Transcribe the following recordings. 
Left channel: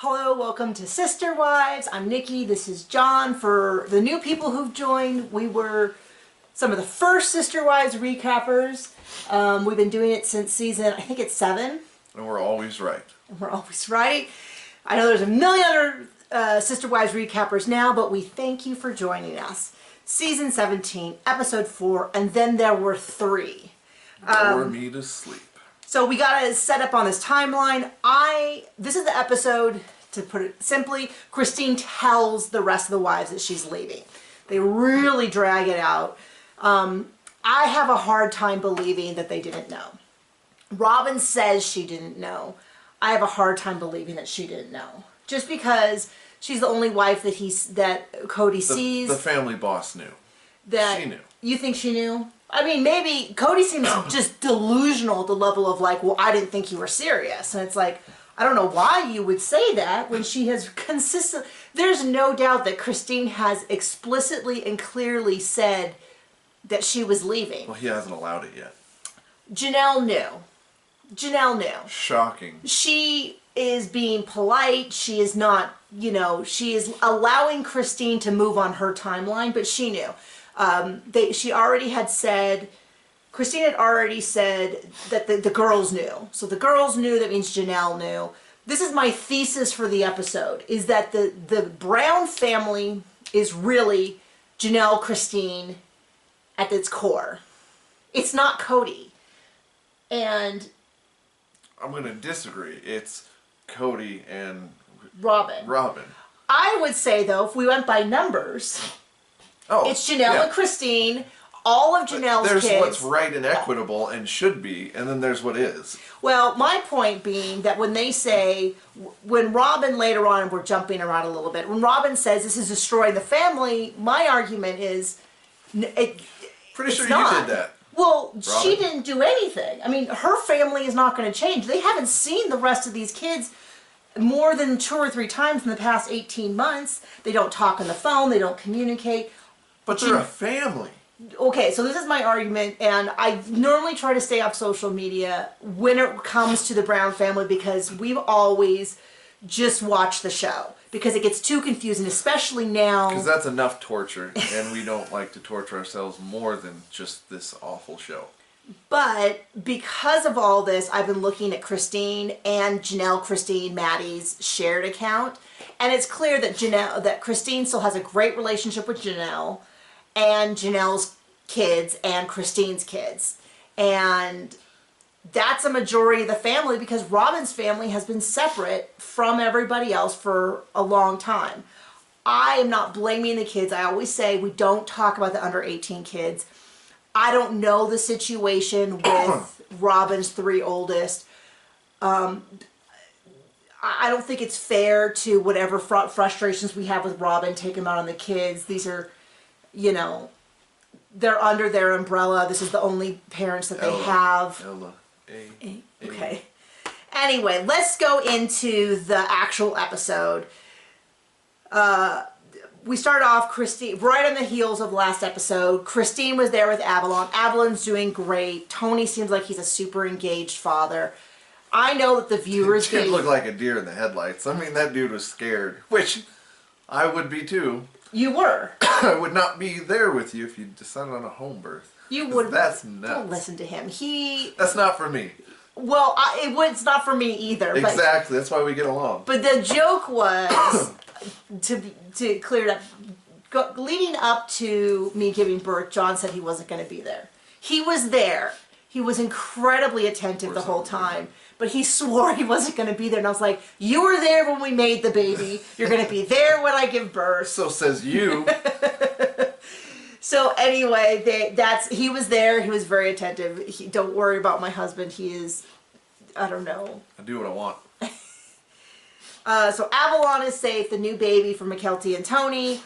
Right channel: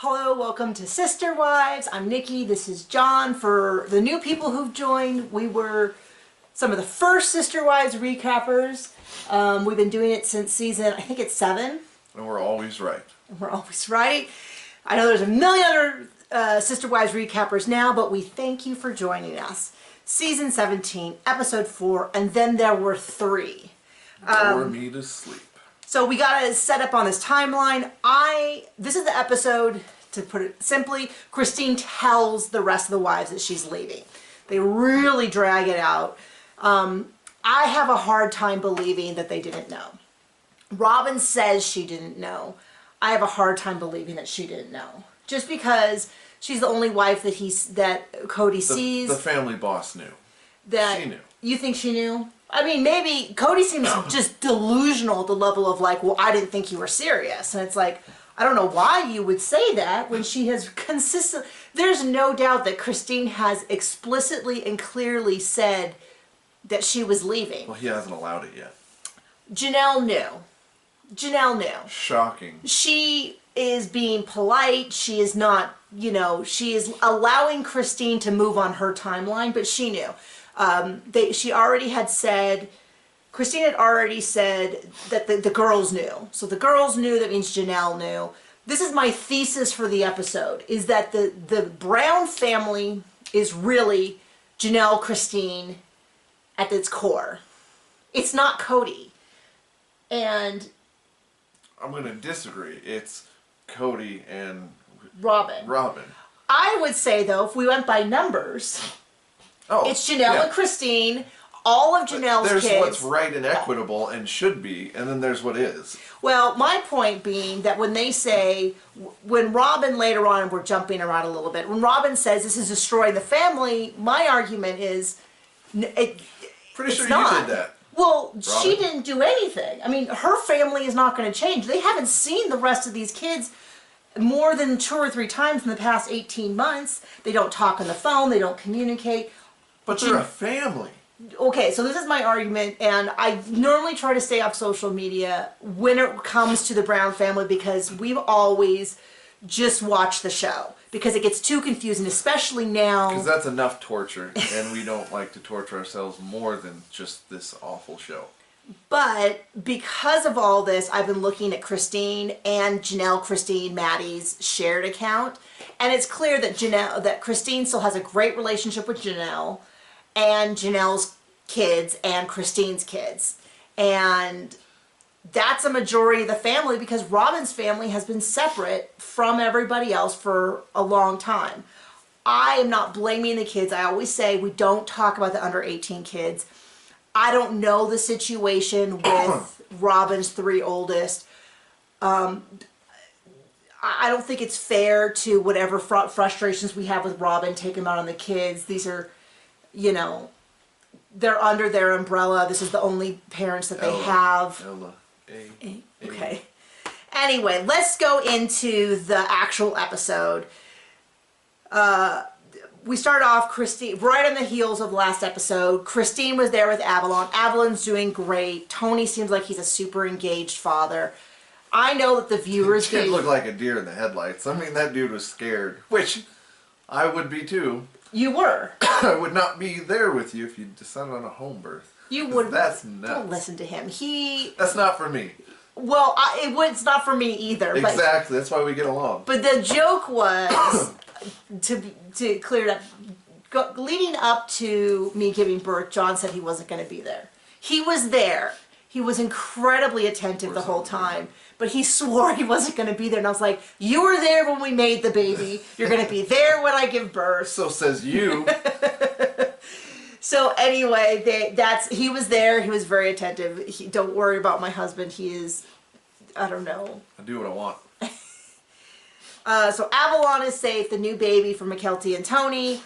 Hello, welcome to Sister Wives. I'm Nikki, this is John. For the new people who've joined, we were some of the first Sister Wives recappers. We've been doing it since season, I think it's 7. And we're always right. And we're always right. I know there's a million other Sister Wives recappers now, but we thank you for joining us. Season 17, episode 4, and then there were 3. Bore me to sleep. So we got to set up on this timeline. This is the episode, to put it simply, Christine tells the rest of the wives that she's leaving. They really drag it out. I have a hard time believing that they didn't know. Robin says she didn't know. I have a hard time believing that she didn't know. Just because she's the only wife that Cody sees. The family boss knew. That she knew. You think she knew? I mean, maybe Cody seems just delusional at the level of like, well, I didn't think you were serious. And it's like, I don't know why you would say that when she has there's no doubt that Christine has explicitly and clearly said that she was leaving. Well, he hasn't allowed it yet. Janelle knew. Janelle knew. Shocking. She is being polite. She is not, she is allowing Christine to move on her timeline, but she knew. She already had said, Christine had already said that the girls knew. So the girls knew, that means Janelle knew. This is my thesis for the episode, is that the Brown family is really Janelle, Christine at its core. It's not Cody. And I'm going to disagree. It's Cody and Robin. I would say, though, if we went by numbers, it's Janelle and Christine, all of Janelle's kids. There's what's right and equitable and should be, and then there's what is. Well, my point being that when they say, when Robin later on, we're jumping around a little bit, when Robin says this is destroying the family, my argument is Pretty sure not. You did that. Well, Robin. She didn't do anything. I mean, her family is not going to change. They haven't seen the rest of these kids more than 2 or 3 times in the past 18 months. They don't talk on the phone. They don't communicate. But they're a family. Okay, so this is my argument, and I normally try to stay off social media when it comes to the Brown family because we've always just watched the show because it gets too confusing, especially now. Because that's enough torture, and we don't like to torture ourselves more than just this awful show. But because of all this, I've been looking at Christine and Maddie's shared account, and it's clear that Christine still has a great relationship with Janelle and Janelle's kids and Christine's kids. And that's a majority of the family because Robin's family has been separate from everybody else for a long time. I am not blaming the kids. I always say we don't talk about the under 18 kids. I don't know the situation with Robin's 3 oldest. I don't think it's fair to whatever frustrations we have with Robin, take them out on the kids. These are, they're under their umbrella. This is the only parents that they have. Okay. Anyway, let's go into the actual episode. We start off, Christine, right on the heels of last episode. Christine was there with Avalon. Avalon's doing great. Tony seems like he's a super engaged father. I know that the viewers did look like a deer in the headlights. I mean, that dude was scared, which I would be too. You were. I would not be there with you if you decided on a home birth. You would. That's nuts. Don't listen to him. That's not for me. Well, it's not for me either. Exactly. That's why we get along. But the joke was, to clear it up, leading up to me giving birth, John said he wasn't going to be there. He was there. He was incredibly attentive the whole time. But he swore he wasn't going to be there. And I was like, you were there when we made the baby. You're going to be there when I give birth. So says you. So anyway, he was there. He was very attentive. Don't worry about my husband. He is, I don't know. I do what I want. So Avalon is safe. The new baby for McKelty and Tony.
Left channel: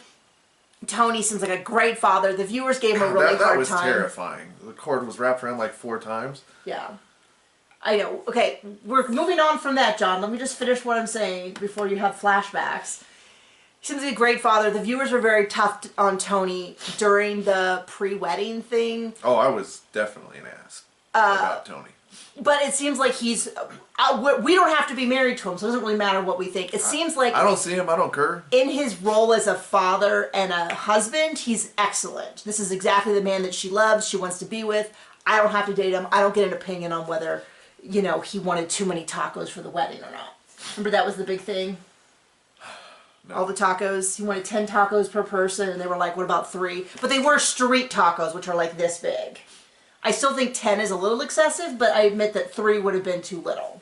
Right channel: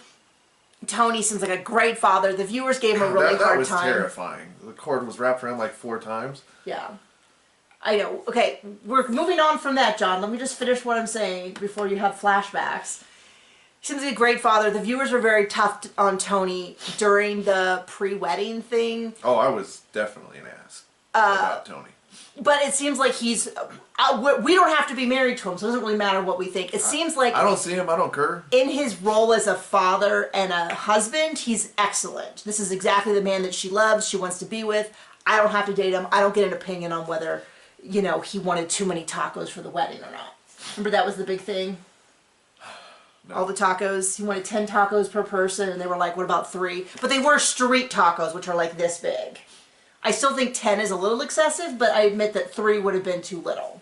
Tony seems like a great father. The viewers gave him a really hard time. That was terrifying. The cord was wrapped around like 4 times. Yeah. I know. Okay, we're moving on from that, John. Let me just finish what I'm saying before you have flashbacks. He seems to be a great father. The viewers were very tough on Tony during the pre-wedding thing. Oh, I was definitely an ass about Tony. But it seems like he's, we don't have to be married to him, so it doesn't really matter what we think. It seems like I don't see him, I don't care. in his role as a father and a husband, he's excellent. This is exactly the man that she loves, she wants to be with. I don't have to date him. I don't get an opinion on whether, you know, he wanted too many tacos for the wedding or not. Remember that was the big thing? No. All the tacos. He wanted 10 tacos per person, and they were like, what about 3? But they were street tacos, which are like this big. I still think 10 is a little excessive, but I admit that 3 would have been too little.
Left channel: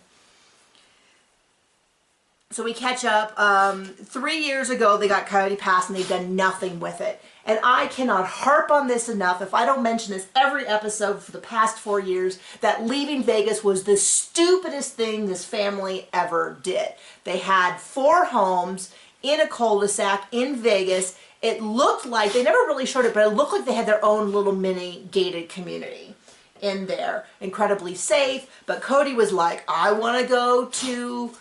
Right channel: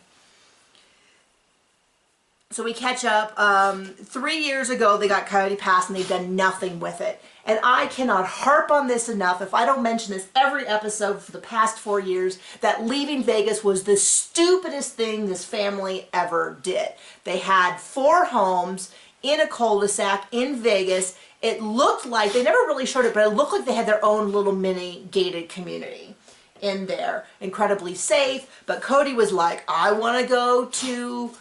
So we catch up. 3 years ago, they got Coyote Pass, and they've done nothing with it. And I cannot harp on this enough, if I don't mention this every episode for the past 4 years, that leaving Vegas was the stupidest thing this family ever did. They had 4 homes in a cul-de-sac in Vegas. It looked like, they never really showed it, but it looked like they had their own little mini gated community in there. Incredibly safe, but Cody was like, I want to go to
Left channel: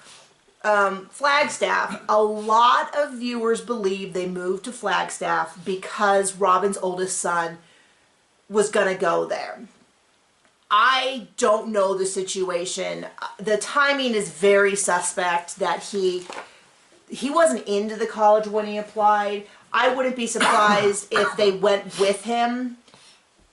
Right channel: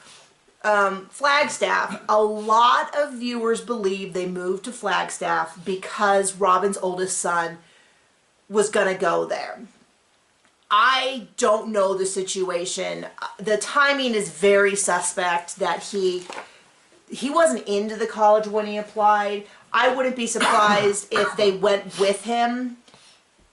Flagstaff. A lot of viewers believe they moved to Flagstaff because Robin's oldest son was going to go there. I don't know the situation. The timing is very suspect that he wasn't into the college when he applied. I wouldn't be surprised if they went with him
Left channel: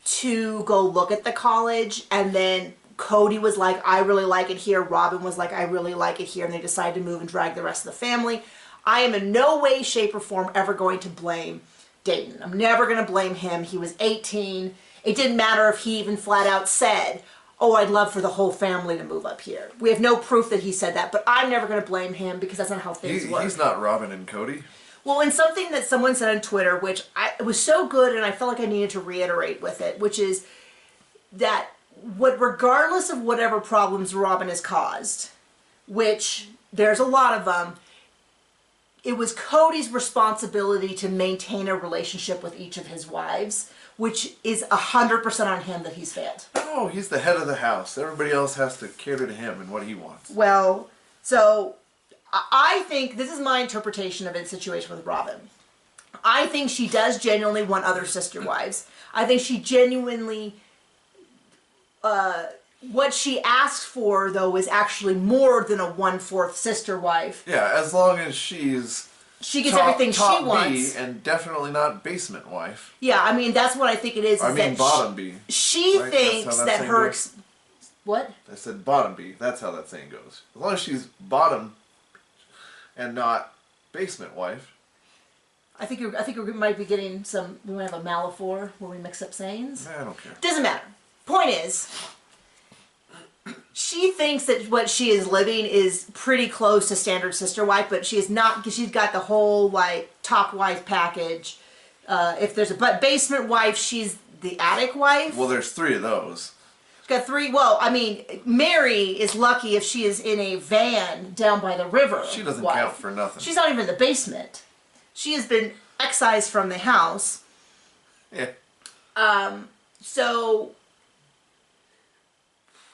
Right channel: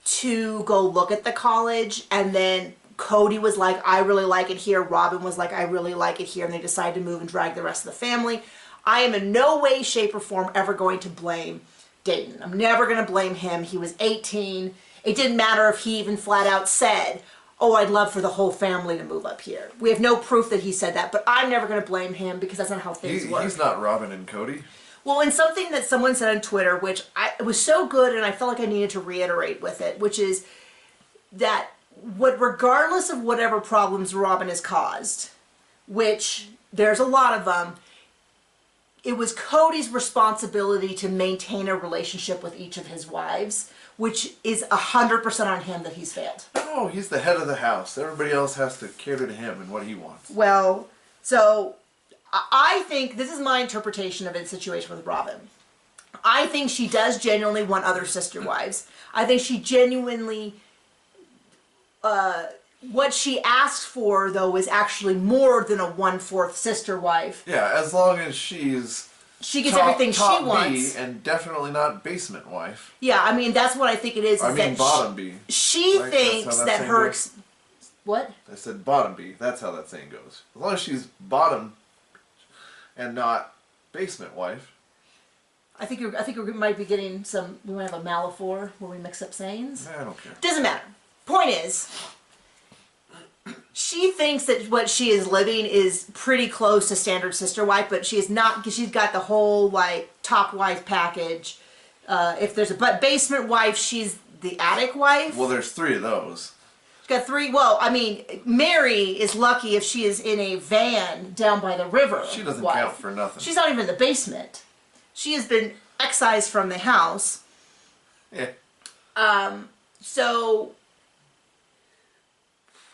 to go look at the college, and then Cody was like, I really like it here. Robin was like, I really like it here. And they decided to move and drag the rest of the family. I am in no way, shape, or form ever going to blame Dayton. I'm never going to blame him. He was 18. It didn't matter if he even flat out said, oh, I'd love for the whole family to move up here. We have no proof that he said that, but I'm never going to blame him because that's not how things work. He's not Robin and Cody. Well, and something that someone said on Twitter, which it was so good and I felt like I needed to reiterate with it, which is that regardless of whatever problems Robin has caused, which there's a lot of them, it was Cody's responsibility to maintain a relationship with each of his wives, which is 100% on him that he's failed. No, he's the head of the house. Everybody else has to cater to him and what he wants. Well, so I think, this is my interpretation of the situation with Robin. I think she does genuinely want other sister wives. I think she genuinely, what she asks for, though, is actually more than a 1/4 sister wife. Yeah, as long as she gets everything she wants. B and definitely not basement wife. Yeah, I mean, that's what I think it is. I mean bottom B. She right? thinks that her... What? I said bottom B. That's how that saying goes. As long as she's bottom and not basement wife. I think we might be getting some... We might have a Malafor where we mix up sayings. I don't care. Doesn't matter. Point is, she thinks that what she is living is pretty close to standard sister wife, but she is not, because she's got the whole, like, top wife package. If there's a basement wife, she's the attic wife. Well, there's 3 of those. She's got 3. Well, I mean, Mary is lucky if she is in a van down by the river. She doesn't count for nothing. She's not even in the basement. She has been excised from the house. Yeah. So...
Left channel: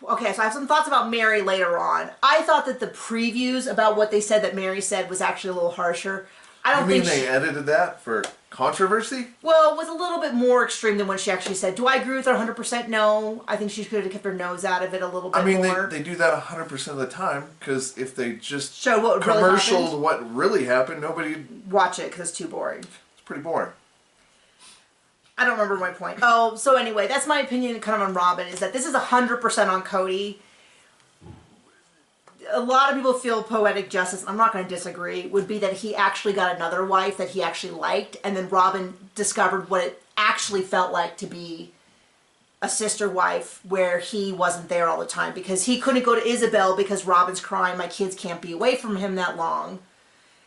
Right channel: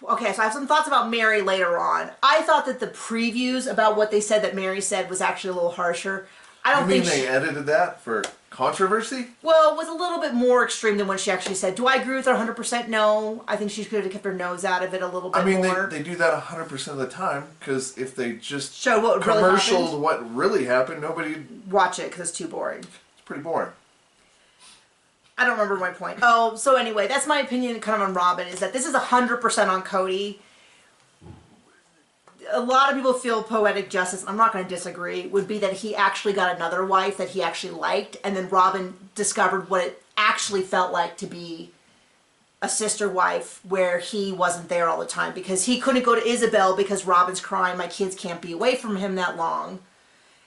Okay, so I have some thoughts about Mary later on. I thought that the previews about what they said that Mary said was actually a little harsher. I don't think they edited that for controversy? Well, it was a little bit more extreme than what she actually said. Do I agree with her 100%? No. I think she could have kept her nose out of it a little bit more. They do that 100% of the time, because if they just show what really happened, what really happened, nobody... Watch it, because it's too boring. It's pretty boring. I don't remember my point. Oh, so anyway, that's my opinion kind of on Robin, is that this is 100% on Cody. A lot of people feel poetic justice, I'm not going to disagree, would be that he actually got another wife that he actually liked, and then Robin discovered what it actually felt like to be a sister wife where he wasn't there all the time, because he couldn't go to Isabel because Robin's crying, my kids can't be away from him that long.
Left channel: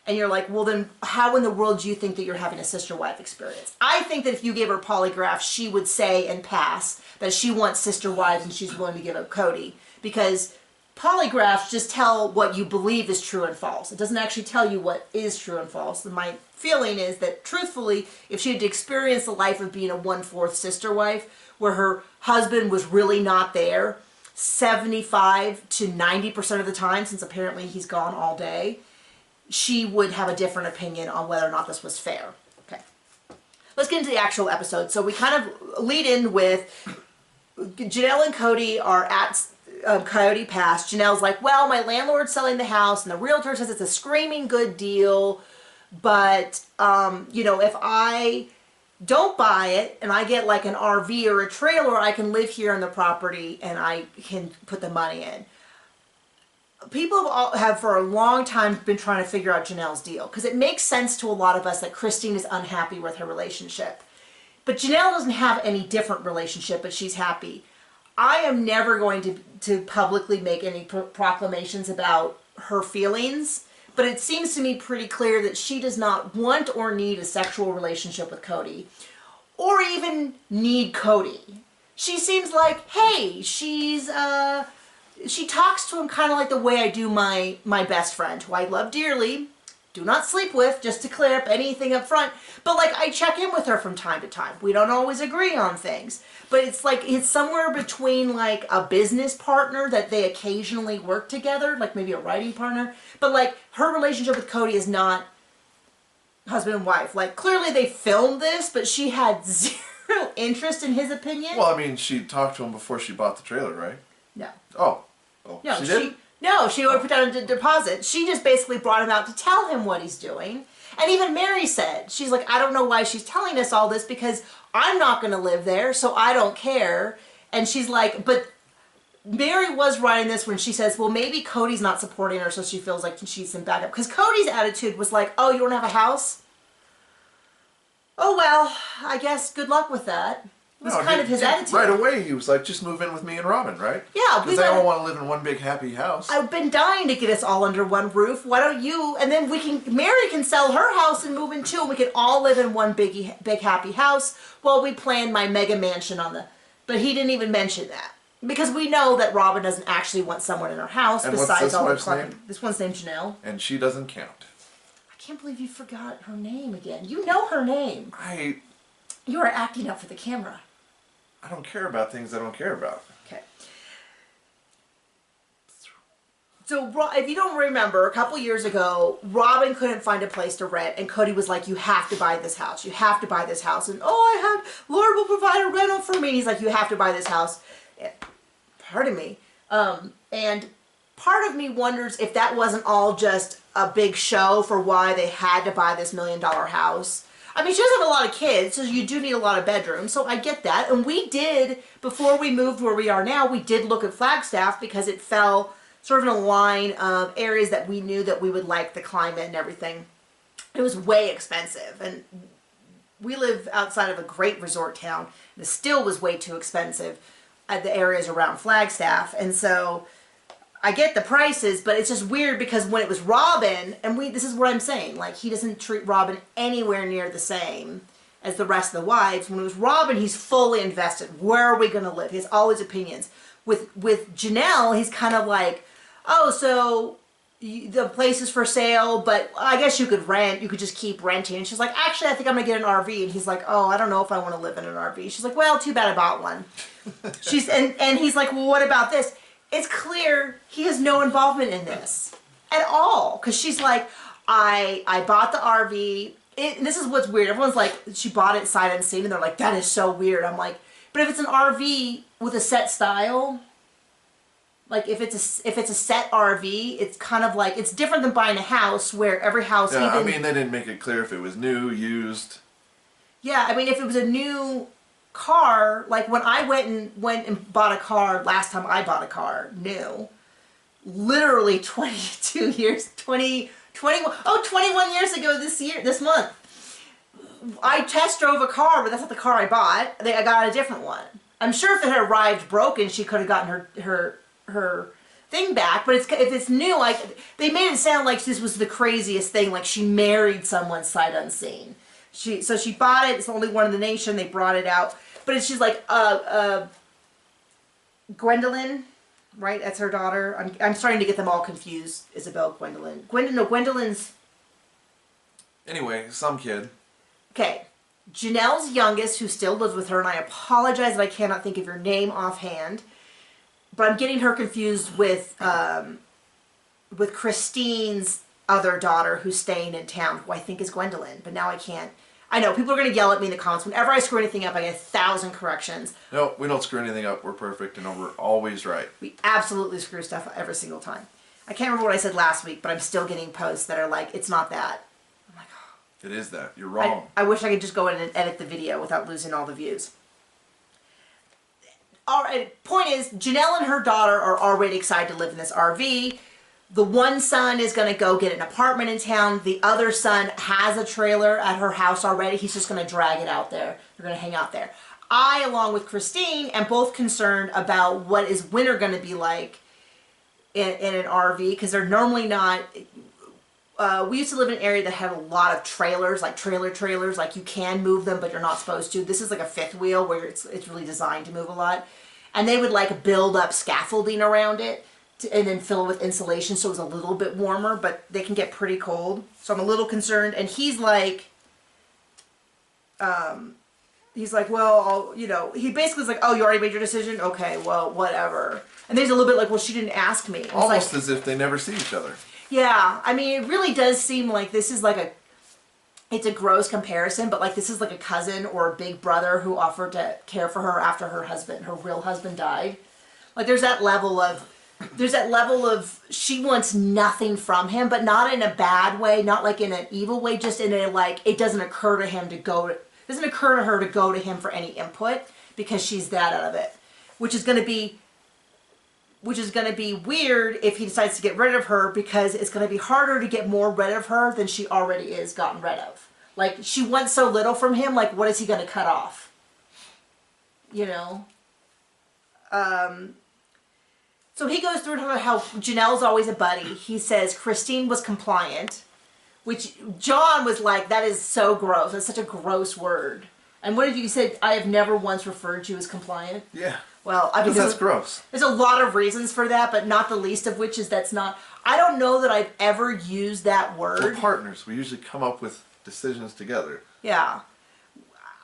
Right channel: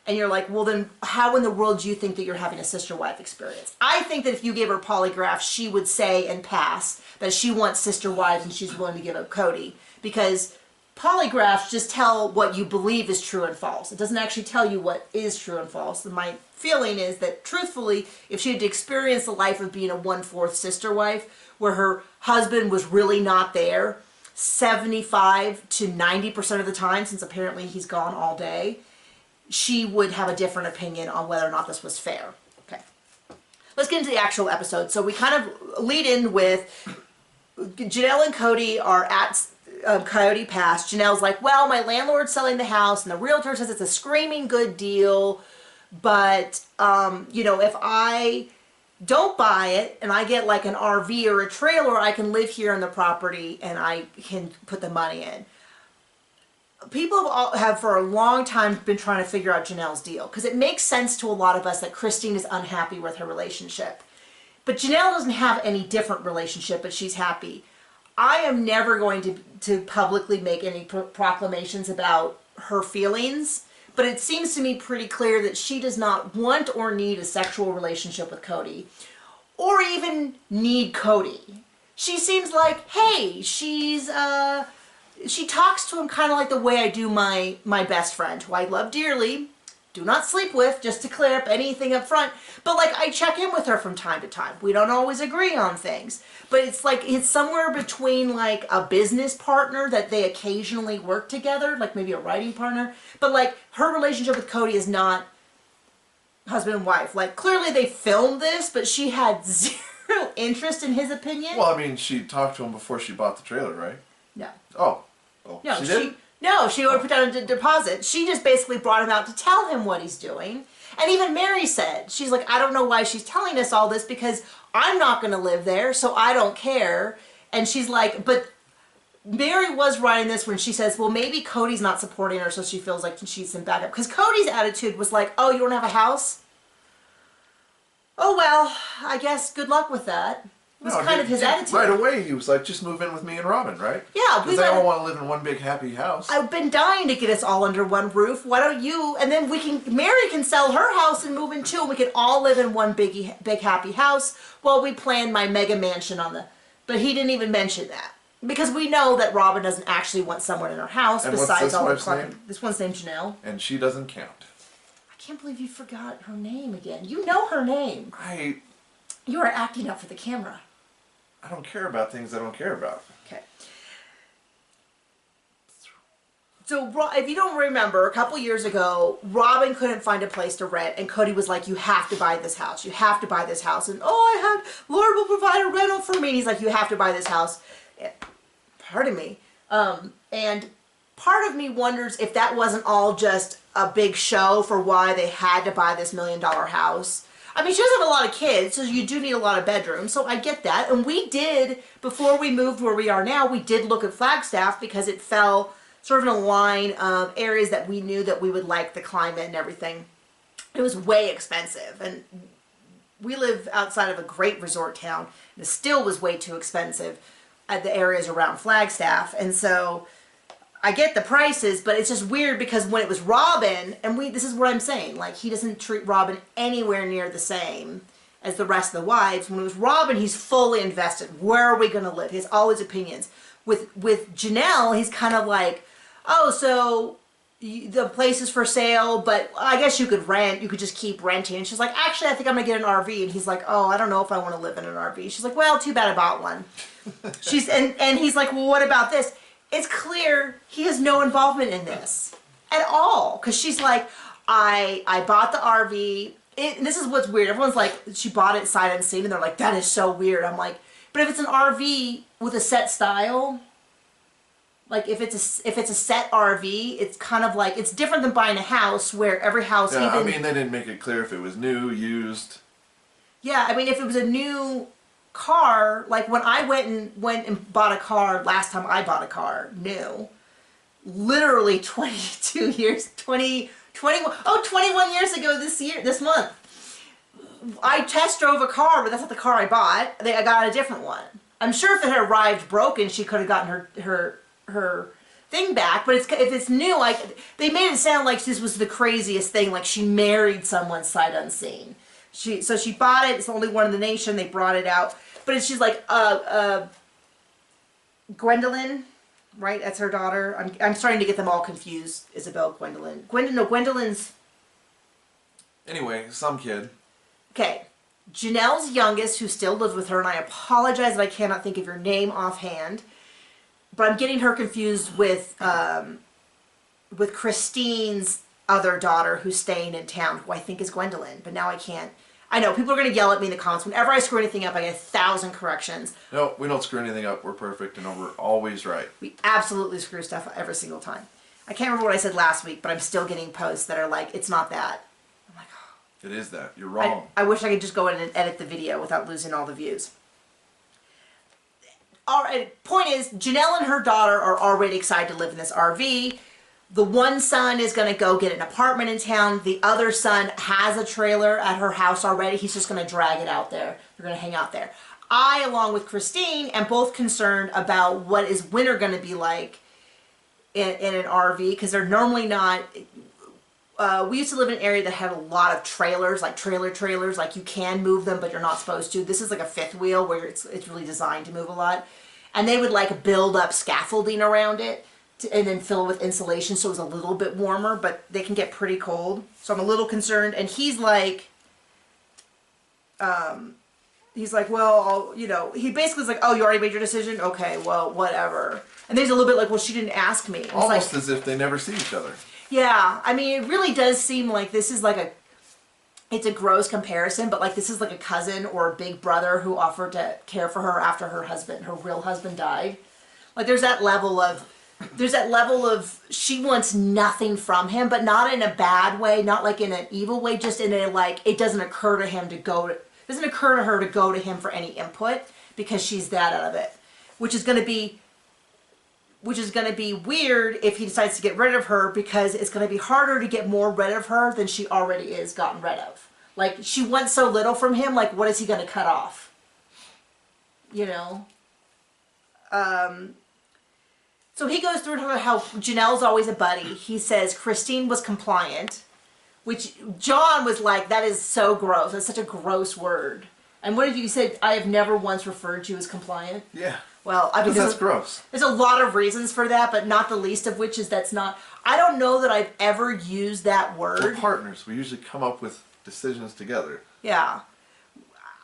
And you're like, well then, how in the world do you think that you're having a sister-wife experience? I think that if you gave her a polygraph, she would say and pass that she wants sister wives and she's willing to give up Cody. Because polygraphs just tell what you believe is true and false. It doesn't actually tell you what is true and false. And my feeling is that, truthfully, if she had to experience the life of being a 1/4 sister wife, where her husband was really not there 75 to 90% of the time, since apparently he's gone all day, she would have a different opinion on whether or not this was fair. Okay. Let's get into the actual episode. So we kind of lead in with Janelle and Cody are at Coyote passed, Janelle's like, well, my landlord's selling the house and the realtor says it's a screaming good deal, but, you know, if I don't buy it and I get like an RV or a trailer, I can live here on the property and I can put the money in. People have for a long time been trying to figure out Janelle's deal because it makes sense to a lot of us that Christine is unhappy with her relationship. But Janelle doesn't have any different relationship, but she's happy. I am never going to publicly make any proclamations about her feelings, but it seems to me pretty clear that she does not want or need a sexual relationship with Cody, or even need Cody. She seems like, hey, she talks to him kind of like the way I do my best friend, who I love dearly, do not sleep with, just to clear up anything up front. But like, I check in with her from time to time. We don't always agree on things, but it's like, it's somewhere between like a business partner that they occasionally work together, like maybe a writing partner. But like, her relationship with Cody is not husband and wife. Like, clearly they filmed this, but she had zero interest in his opinion. Well, I mean, she talked to him before she bought the trailer, right? No. Oh, No, she did? No, she would put down a deposit. She just basically brought him out to tell him what he's doing. And even Mary said, she's like, I don't know why she's telling us all this because I'm not going to live there, so I don't care. And she's like, but Mary was writing this when she says, well, maybe Cody's not supporting her, so she feels like she's some backup. Because Cody's attitude was like, oh, you don't have a house? Oh, well, I guess good luck with that. It was kind of his attitude. Right away, he was like, just move in with me and Robin, right? Yeah. Because they all want to live in one big happy house. I've been dying to get us all under one roof. Why don't you? And then Mary can sell her house and move in too. And we can all live in one big happy house while we plan my mega mansion on the... But he didn't even mention that. Because we know that Robin doesn't actually want someone in her house besides all the clucking. This one's named Janelle. And she doesn't count. I can't believe you forgot her name again. You know her name. You are acting up for the camera. I don't care about things I don't care about. Okay. So if you don't remember, a couple years ago, Robin couldn't find a place to rent, and Cody was like, you have to buy this house. You have to buy this house. And Lord will provide a rental for me. And he's like, you have to buy this house. Pardon me. And part of me wonders if that wasn't all just a big show for why they had to buy this $1 million house. I mean, she doesn't have a lot of kids, so you do need a lot of bedrooms, so I get that. And we did, before we moved where we are now, we did look at Flagstaff because it fell sort of in a line of areas that we knew that we would like the climate and everything. It was way expensive, and we live outside of a great resort town, and it still was way too expensive at the areas around Flagstaff. And so I get the prices, but it's just weird because when it was Robin, and this is what I'm saying, like, he doesn't treat Robin anywhere near the same as the rest of the wives. When it was Robin, he's fully invested. Where are we going to live? He has all his opinions. With Janelle, he's kind of like, oh, so the place is for sale, but I guess you could rent. You could just keep renting. And she's like, actually, I think I'm going to get an RV. And he's like, oh, I don't know if I want to live in an RV. She's like, well, too bad I bought one. And he's like, well, what about this? It's clear he has no involvement in this at all. Because she's like, I bought the RV. This is what's weird. Everyone's like, she bought it sight unseen. And they're like, that is so weird. I'm like, but if it's an RV with a set style, like if it's a set RV, it's kind of like, it's different than buying a house where every house... Yeah, I mean, they didn't make it clear if it was new, used. Yeah, I mean, if it was a new car, like when I went and bought a car last time I bought a car new, literally 21 years ago this month, I test drove a car, but that's not the car I bought. I got a different one. I'm sure if it had arrived broken, she could have gotten her thing back, but if it's new, like, they made it sound like this was the craziest thing, like she married someone sight unseen. So she bought it. It's the only one in the nation. They brought it out. But she's like, Gwendolyn, right? That's her daughter. I'm starting to get them all confused. Isabel, Gwendolyn. Gwendolyn's... Anyway, some kid. Okay. Janelle's youngest, who still lives with her, and I apologize that I cannot think of your name offhand, but I'm getting her confused with Christine's other daughter who's staying in town, who I think is Gwendolyn, but now I can't. I know, people are going to yell at me in the comments. Whenever I screw anything up, I get 1,000 corrections. No, we don't screw anything up. We're perfect, and we're always right. We absolutely screw stuff up every single time. I can't remember what I said last week, but I'm still getting posts that are like, it's not that. I'm like, oh. It is that. You're wrong. I wish I could just go in and edit the video without losing all the views. All right, point is, Janelle and her daughter are already excited to live in this RV. The one son is going to go get an apartment in town. The other son has a trailer at her house already. He's just going to drag it out there. They're going to hang out there. I, along with Christine, am both concerned about what is winter going to be like in an RV, because they're normally not... we used to live in an area that had a lot of trailers, like trailers, like you can move them, but you're not supposed to. This is like a fifth wheel where it's really designed to move a lot. And they would like build up scaffolding around it and then fill it with insulation so it was a little bit warmer, but they can get pretty cold. So I'm a little concerned. And he's like, well, he basically is like, oh, you already made your decision? Okay, well, whatever. And then he's a little bit like, well, she didn't ask me. Almost like, as if they never see each other. Yeah, I mean, it really does seem like this is like it's a gross comparison, but like this is like a cousin or a big brother who offered to care for her after her real husband died. Like there's that level of she wants nothing from him, but not in a bad way, not like in an evil way, just in a like it doesn't occur to her to go to him for any input because she's that out of it, which is going to be weird if he decides to get rid of her, because it's going to be harder to get more rid of her than she already is gotten rid of. Like, she wants so little from him, like, what is he going to cut off? So he goes through how Janelle's always a buddy. He says Christine was compliant, which John was like, that is so gross. That's such a gross word. And what did you say? I have never once referred to you as compliant? Yeah. Well, I mean, that's gross. There's a lot of reasons for that, but not the least of which is I don't know that I've ever used that word. We're partners. We usually come up with decisions together. Yeah.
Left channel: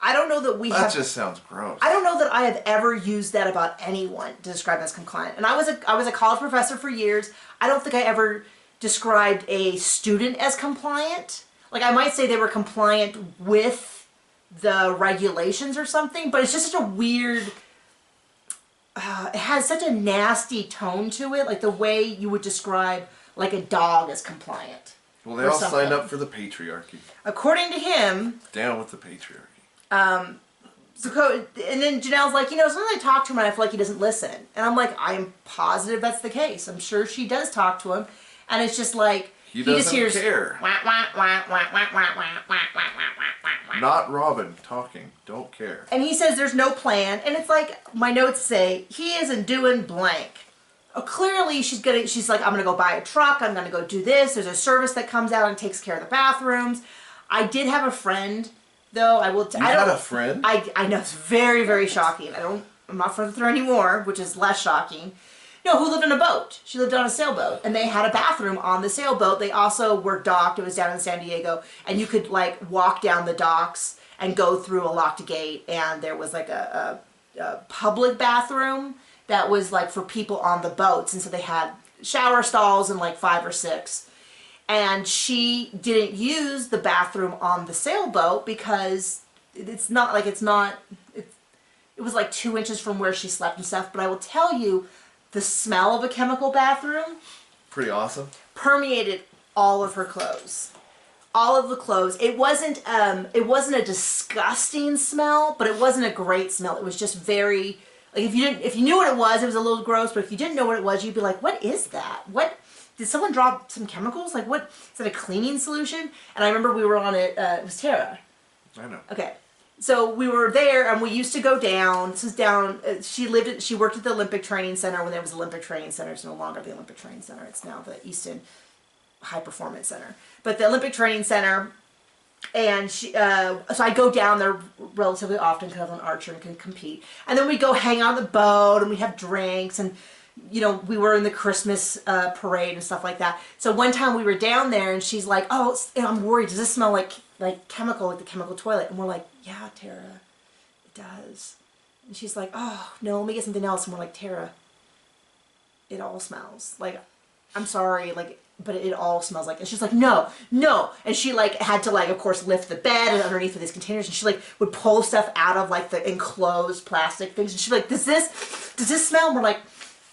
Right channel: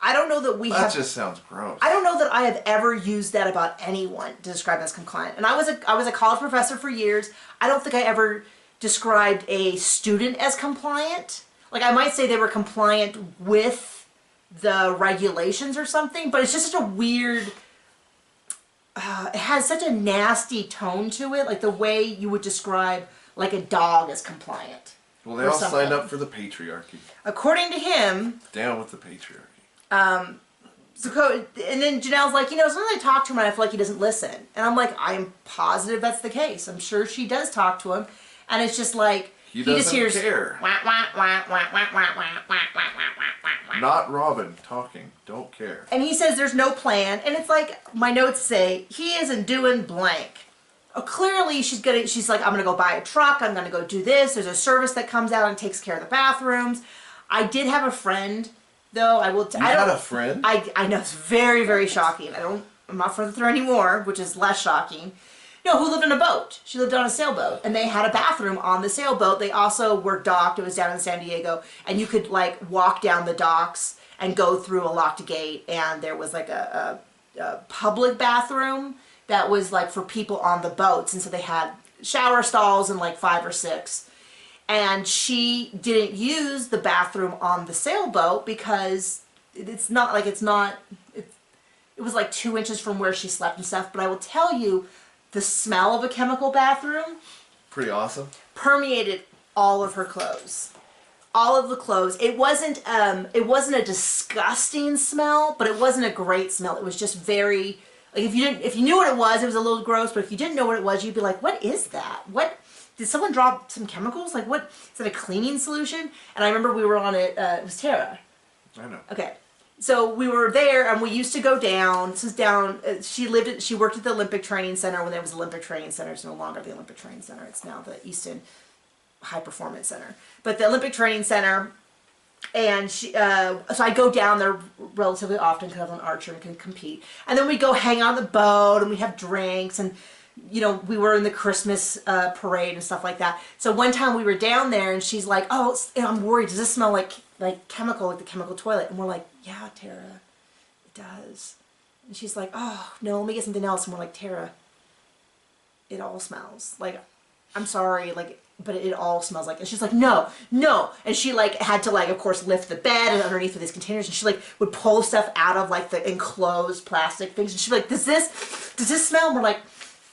I don't know that that just sounds gross. I don't know that I have ever used that about anyone to describe them as compliant. And I was a college professor for years. I don't think I ever described a student as compliant. Like, I might say they were compliant with the regulations or something, but it's just such a weird... it has such a nasty tone to it, like the way you would describe like a dog as compliant. Well, they all signed up for the patriarchy. According to him. Down with the patriarchy. And then Janelle's like, sometimes I talk to him and I feel like he doesn't listen. And I'm like, I'm positive that's the case. I'm sure she does talk to him. And it's just like, he just hears, care. Wah, wah, wah, wah, wah, wah, wah, wah, wah, wah. Not Robin talking. Don't care. And he says there's no plan. And it's like, my notes say, he isn't doing blank. Clearly she's like, I'm going to go buy a truck. I'm going to go do this. There's a service that comes out and takes care of the bathrooms. I did have a friend, though. I had a friend? I know. It's very, very shocking. I'm not friends with her anymore, which is less shocking. No, who lived on a boat. She lived on a sailboat, and they had a bathroom on the sailboat. They also were docked. It was down in San Diego, and you could like walk down the docks and go through a locked gate, and there was like a public bathroom that was like for people on the boats, and so they had shower stalls and like 5 or 6. And she didn't use the bathroom on the sailboat because it was like 2 inches from where she slept and stuff. But I will tell you, the smell of a chemical bathroom, pretty awesome, permeated all of her clothes. All of the clothes. It wasn't a disgusting smell, but it wasn't a great smell. It was just very, like, if you knew what it was a little gross, but if you didn't know what it was, you'd be like, what is that? What, did someone drop some chemicals? Like, what, is that a cleaning solution? And I remember we were on it was Tara. I know. Okay. So we were there, and we used to go down. This was down. She worked at the Olympic Training Center when there was Olympic Training Center. It's no longer the Olympic Training Center. It's now the Easton High Performance Center. But the Olympic Training Center, and so I go down there relatively often because I'm an archer and can compete. And then we go hang out on the boat, and we have drinks, and we were in the Christmas parade and stuff like that. So one time we were down there, and she's like, "Oh, I'm worried. Does this smell like chemical, like the chemical toilet?" And we're like, "Yeah, Tara, it does." And she's like, "Oh, no, let me get something else." And we're like, "Tara, it all smells. Like, I'm sorry. Like, but it all smells like, and she's like, no, no. And she like had to like, of course, lift the bed and underneath of these containers, and she like would pull stuff out of like the enclosed plastic things. And she'd be like, does this smell? And we're like,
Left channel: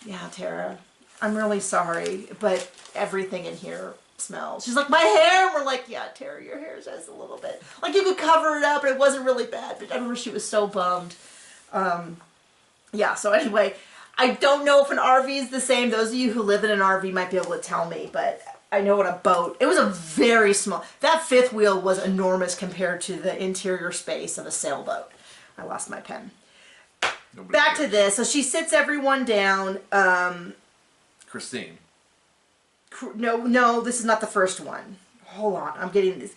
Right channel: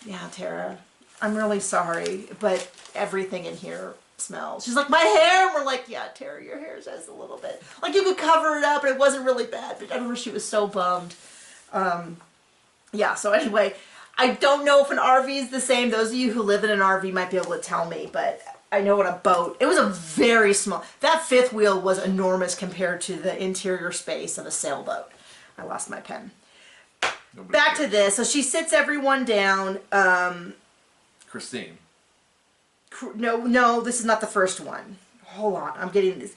yeah, Tara, I'm really sorry, but everything in here smells. She's like, my hair? And we're like, yeah, Tara, your hair says a little bit. Like you could cover it up and it wasn't really bad, but I remember she was so bummed. Yeah, so anyway, I don't know if an RV is the same. Those of you who live in an RV might be able to tell me, but I know on a boat, it was a very small, that fifth wheel was enormous compared to the interior space of a sailboat. I lost my pen. Back to this. So she sits everyone down. Christine. No, this is not the first one. Hold on, I'm getting this.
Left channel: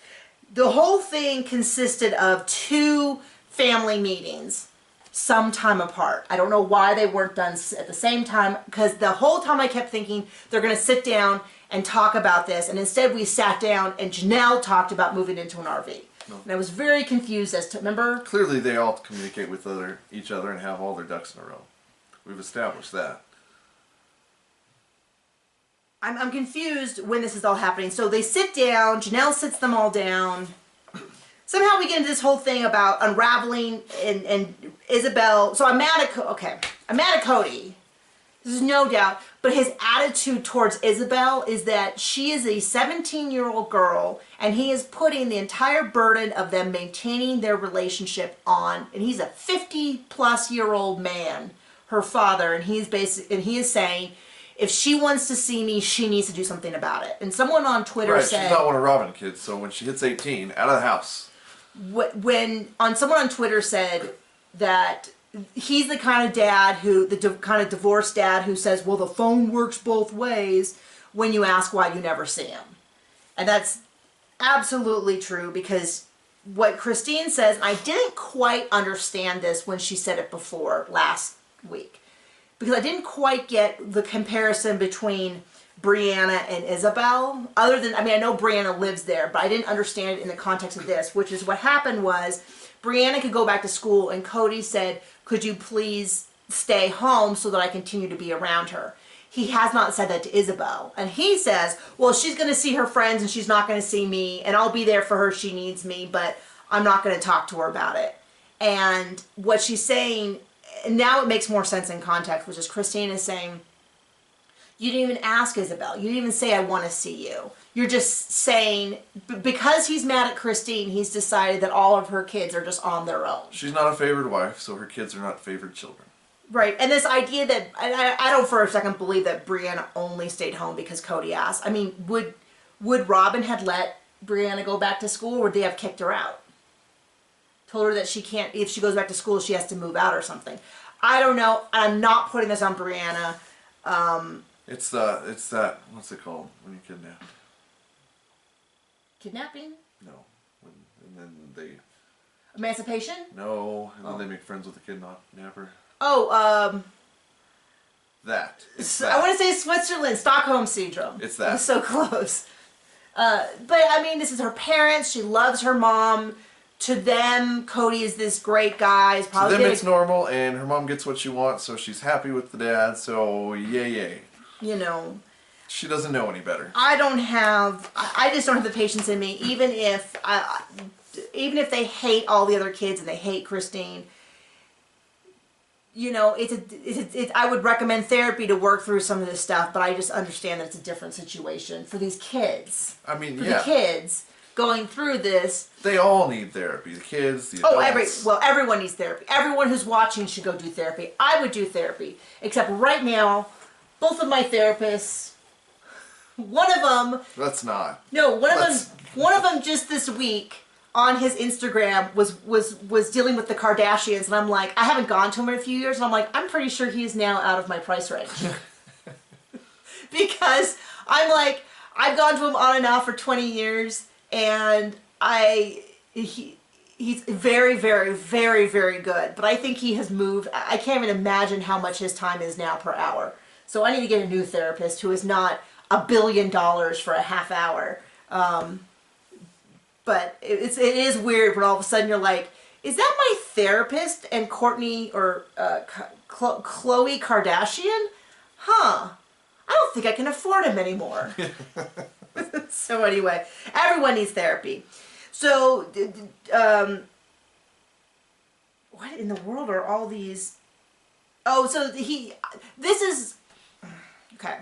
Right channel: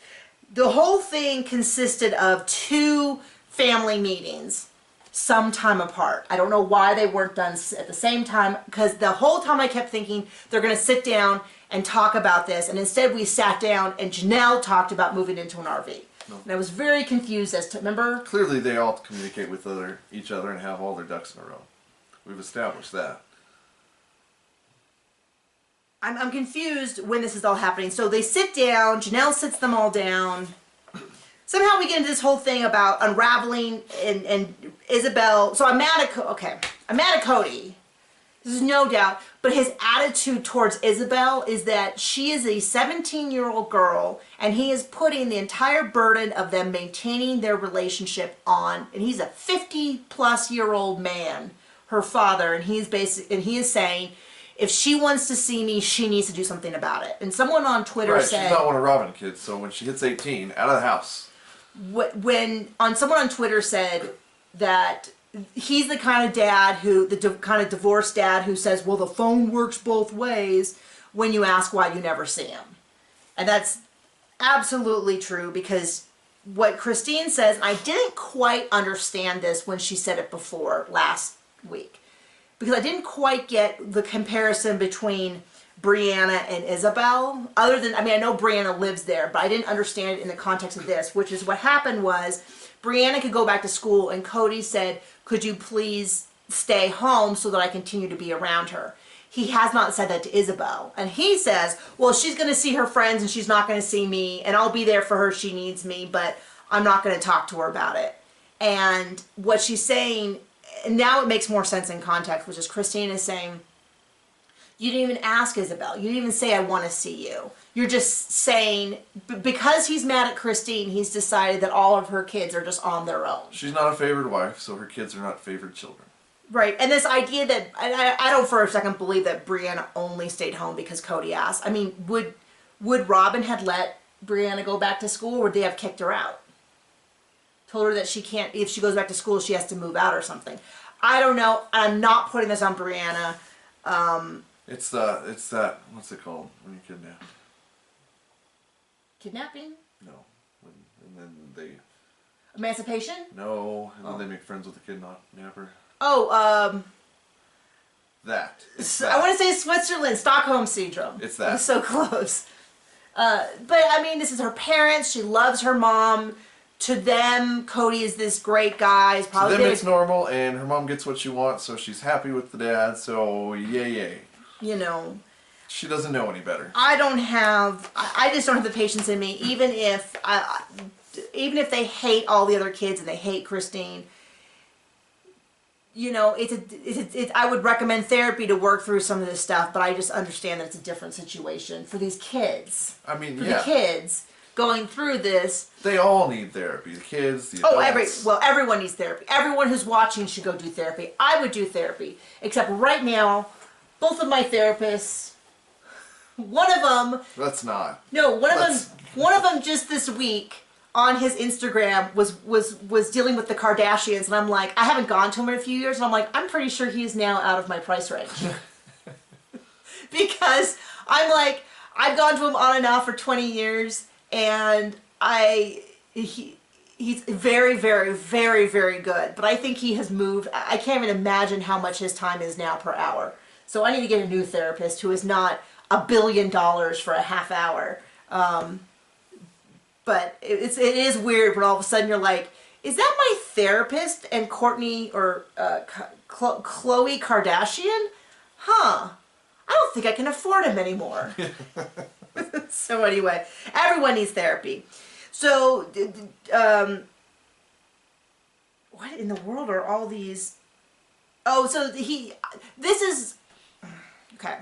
The whole thing consisted of 2 family meetings sometime apart. I don't know why they weren't done at the same time, because the whole time I kept thinking they're going to sit down and talk about this, and instead we sat down and Janelle talked about moving into an RV. No. And I was very confused as to, remember? Clearly they all communicate with each other and have all their ducks in a row. We've established that. I'm confused when this is all happening. So they sit down, Janelle sits them all down. Somehow we get into this whole thing about unraveling and Isabel. So I'm mad at Cody. There's no doubt. But his attitude towards Isabel is that she is a 17-year-old girl and he is putting the entire burden of them maintaining their relationship on, and he's a 50-plus-year-old man, her father, and he is saying, if she wants to see me, she needs to do something about it. And someone on Twitter said... she's not one of Robin's kids, so when she hits 18, out of the house. Someone on Twitter said that he's the kind of dad kind of divorced dad who says, well, the phone works both ways when you ask why you never see him. And that's absolutely true, because what Christine says, and I didn't quite understand this when she said it before last week, because I didn't quite get the comparison between Brianna and Isabel, other than, I mean, I know Brianna lives there, but I didn't understand it in the context of this, which is what happened was Brianna could go back to school and Cody said, could you please stay home so that I continue to be around her? He has not said that to Isabel. And he says, well, she's going to see her friends and she's not going to see me, and I'll be there for her if she needs me, but I'm not going to talk to her about it. And what she's saying, and now it makes more sense in context, which is Christine is saying, you didn't even ask Isabel. You didn't even say, I want to see you. You're just saying, because he's mad at Christine, he's decided that all of her kids are just on their own. She's not a favored wife, so her kids are not favored children. Right, and this idea that, I don't for a second believe that Brianna only stayed home because Cody asked. I mean, would Robin had let Brianna go back to school, or would they have kicked her out? Told her that she can't, if she goes back to school, she has to move out or something. I don't know. I'm not putting this on Brianna. It's that, what's it called when you kidnap? Kidnapping? No. And then they... Emancipation? No, and then they make friends with the kidnapper. Oh, That. I want to say Switzerland, Stockholm Syndrome. It's that. It's so close. But, I mean, this is her parents. She loves her mom. To them, Cody is this great guy. He's probably to them, it's normal, and her mom gets what she wants, so she's happy with the dad, so yay. You know. She doesn't know any better. I just don't have the patience in me, even if they hate all the other kids and they hate Christine. You know, I would recommend therapy to work through some of this stuff, but I just understand that it's a different situation for these kids. I mean, for the kids going through this. They all need therapy. The kids, the adults. Everyone needs therapy. Everyone who's watching should go do therapy. I would do therapy, except right now, both of my therapists, one of them... Let's not. No, one of them just this week on his Instagram was dealing with the Kardashians, and I'm like, I haven't gone to him in a few years, and I'm like, I'm pretty sure he's now out of my price range. Because I'm like, I've gone to him on and off for 20 years, and he's very, very, very, very good, but I think he has moved. I can't even imagine how much his time is now per hour. So I need to get a new therapist who is not $1 billion for a half hour. But it is weird when all of a sudden you're like, is that my therapist and Kourtney or Khloe Kardashian? Huh. I don't think I can afford him anymore. So anyway, everyone needs therapy. So, what in the world are all these? Oh, so this is, okay.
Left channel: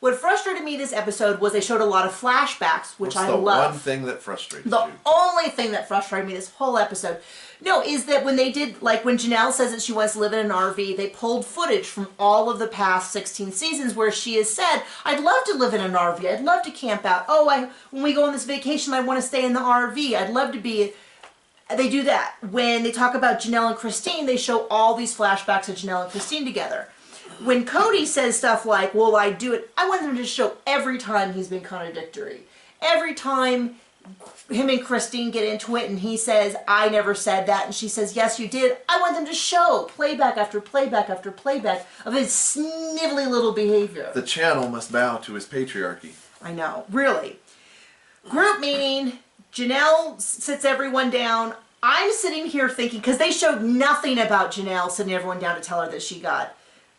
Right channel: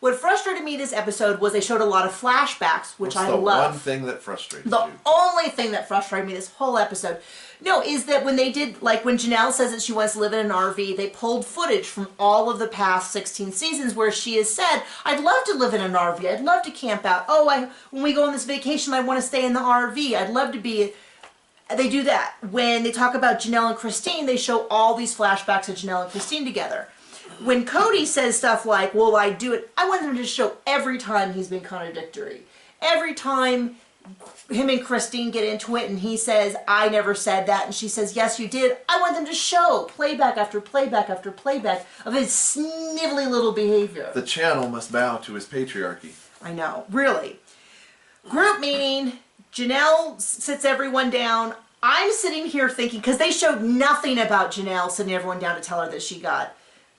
What frustrated me this episode was they showed a lot of flashbacks, which I love. What's the one thing that frustrates you? The only thing that frustrated me this whole episode, no, is that when they did, like when Janelle says that she wants to live in an RV, they pulled footage from all of the past 16 seasons where she has said, I'd love to live in an RV. I'd love to camp out. Oh, when we go on this vacation, I want to stay in the RV. I'd love to be... They do that. When they talk about Janelle and Christine, they show all these flashbacks of Janelle and Christine together. When Cody says stuff like, well, I do it, I want them to show every time he's been contradictory. Every time him and Christine get into it and he says, I never said that, and she says, yes, you did. I want them to show playback after playback after playback of his snivelly little behavior. The channel must bow to his patriarchy. I know, really. Group meeting, Janelle sits everyone down. I'm sitting here thinking, because they showed nothing about Janelle sitting everyone down to tell her that she got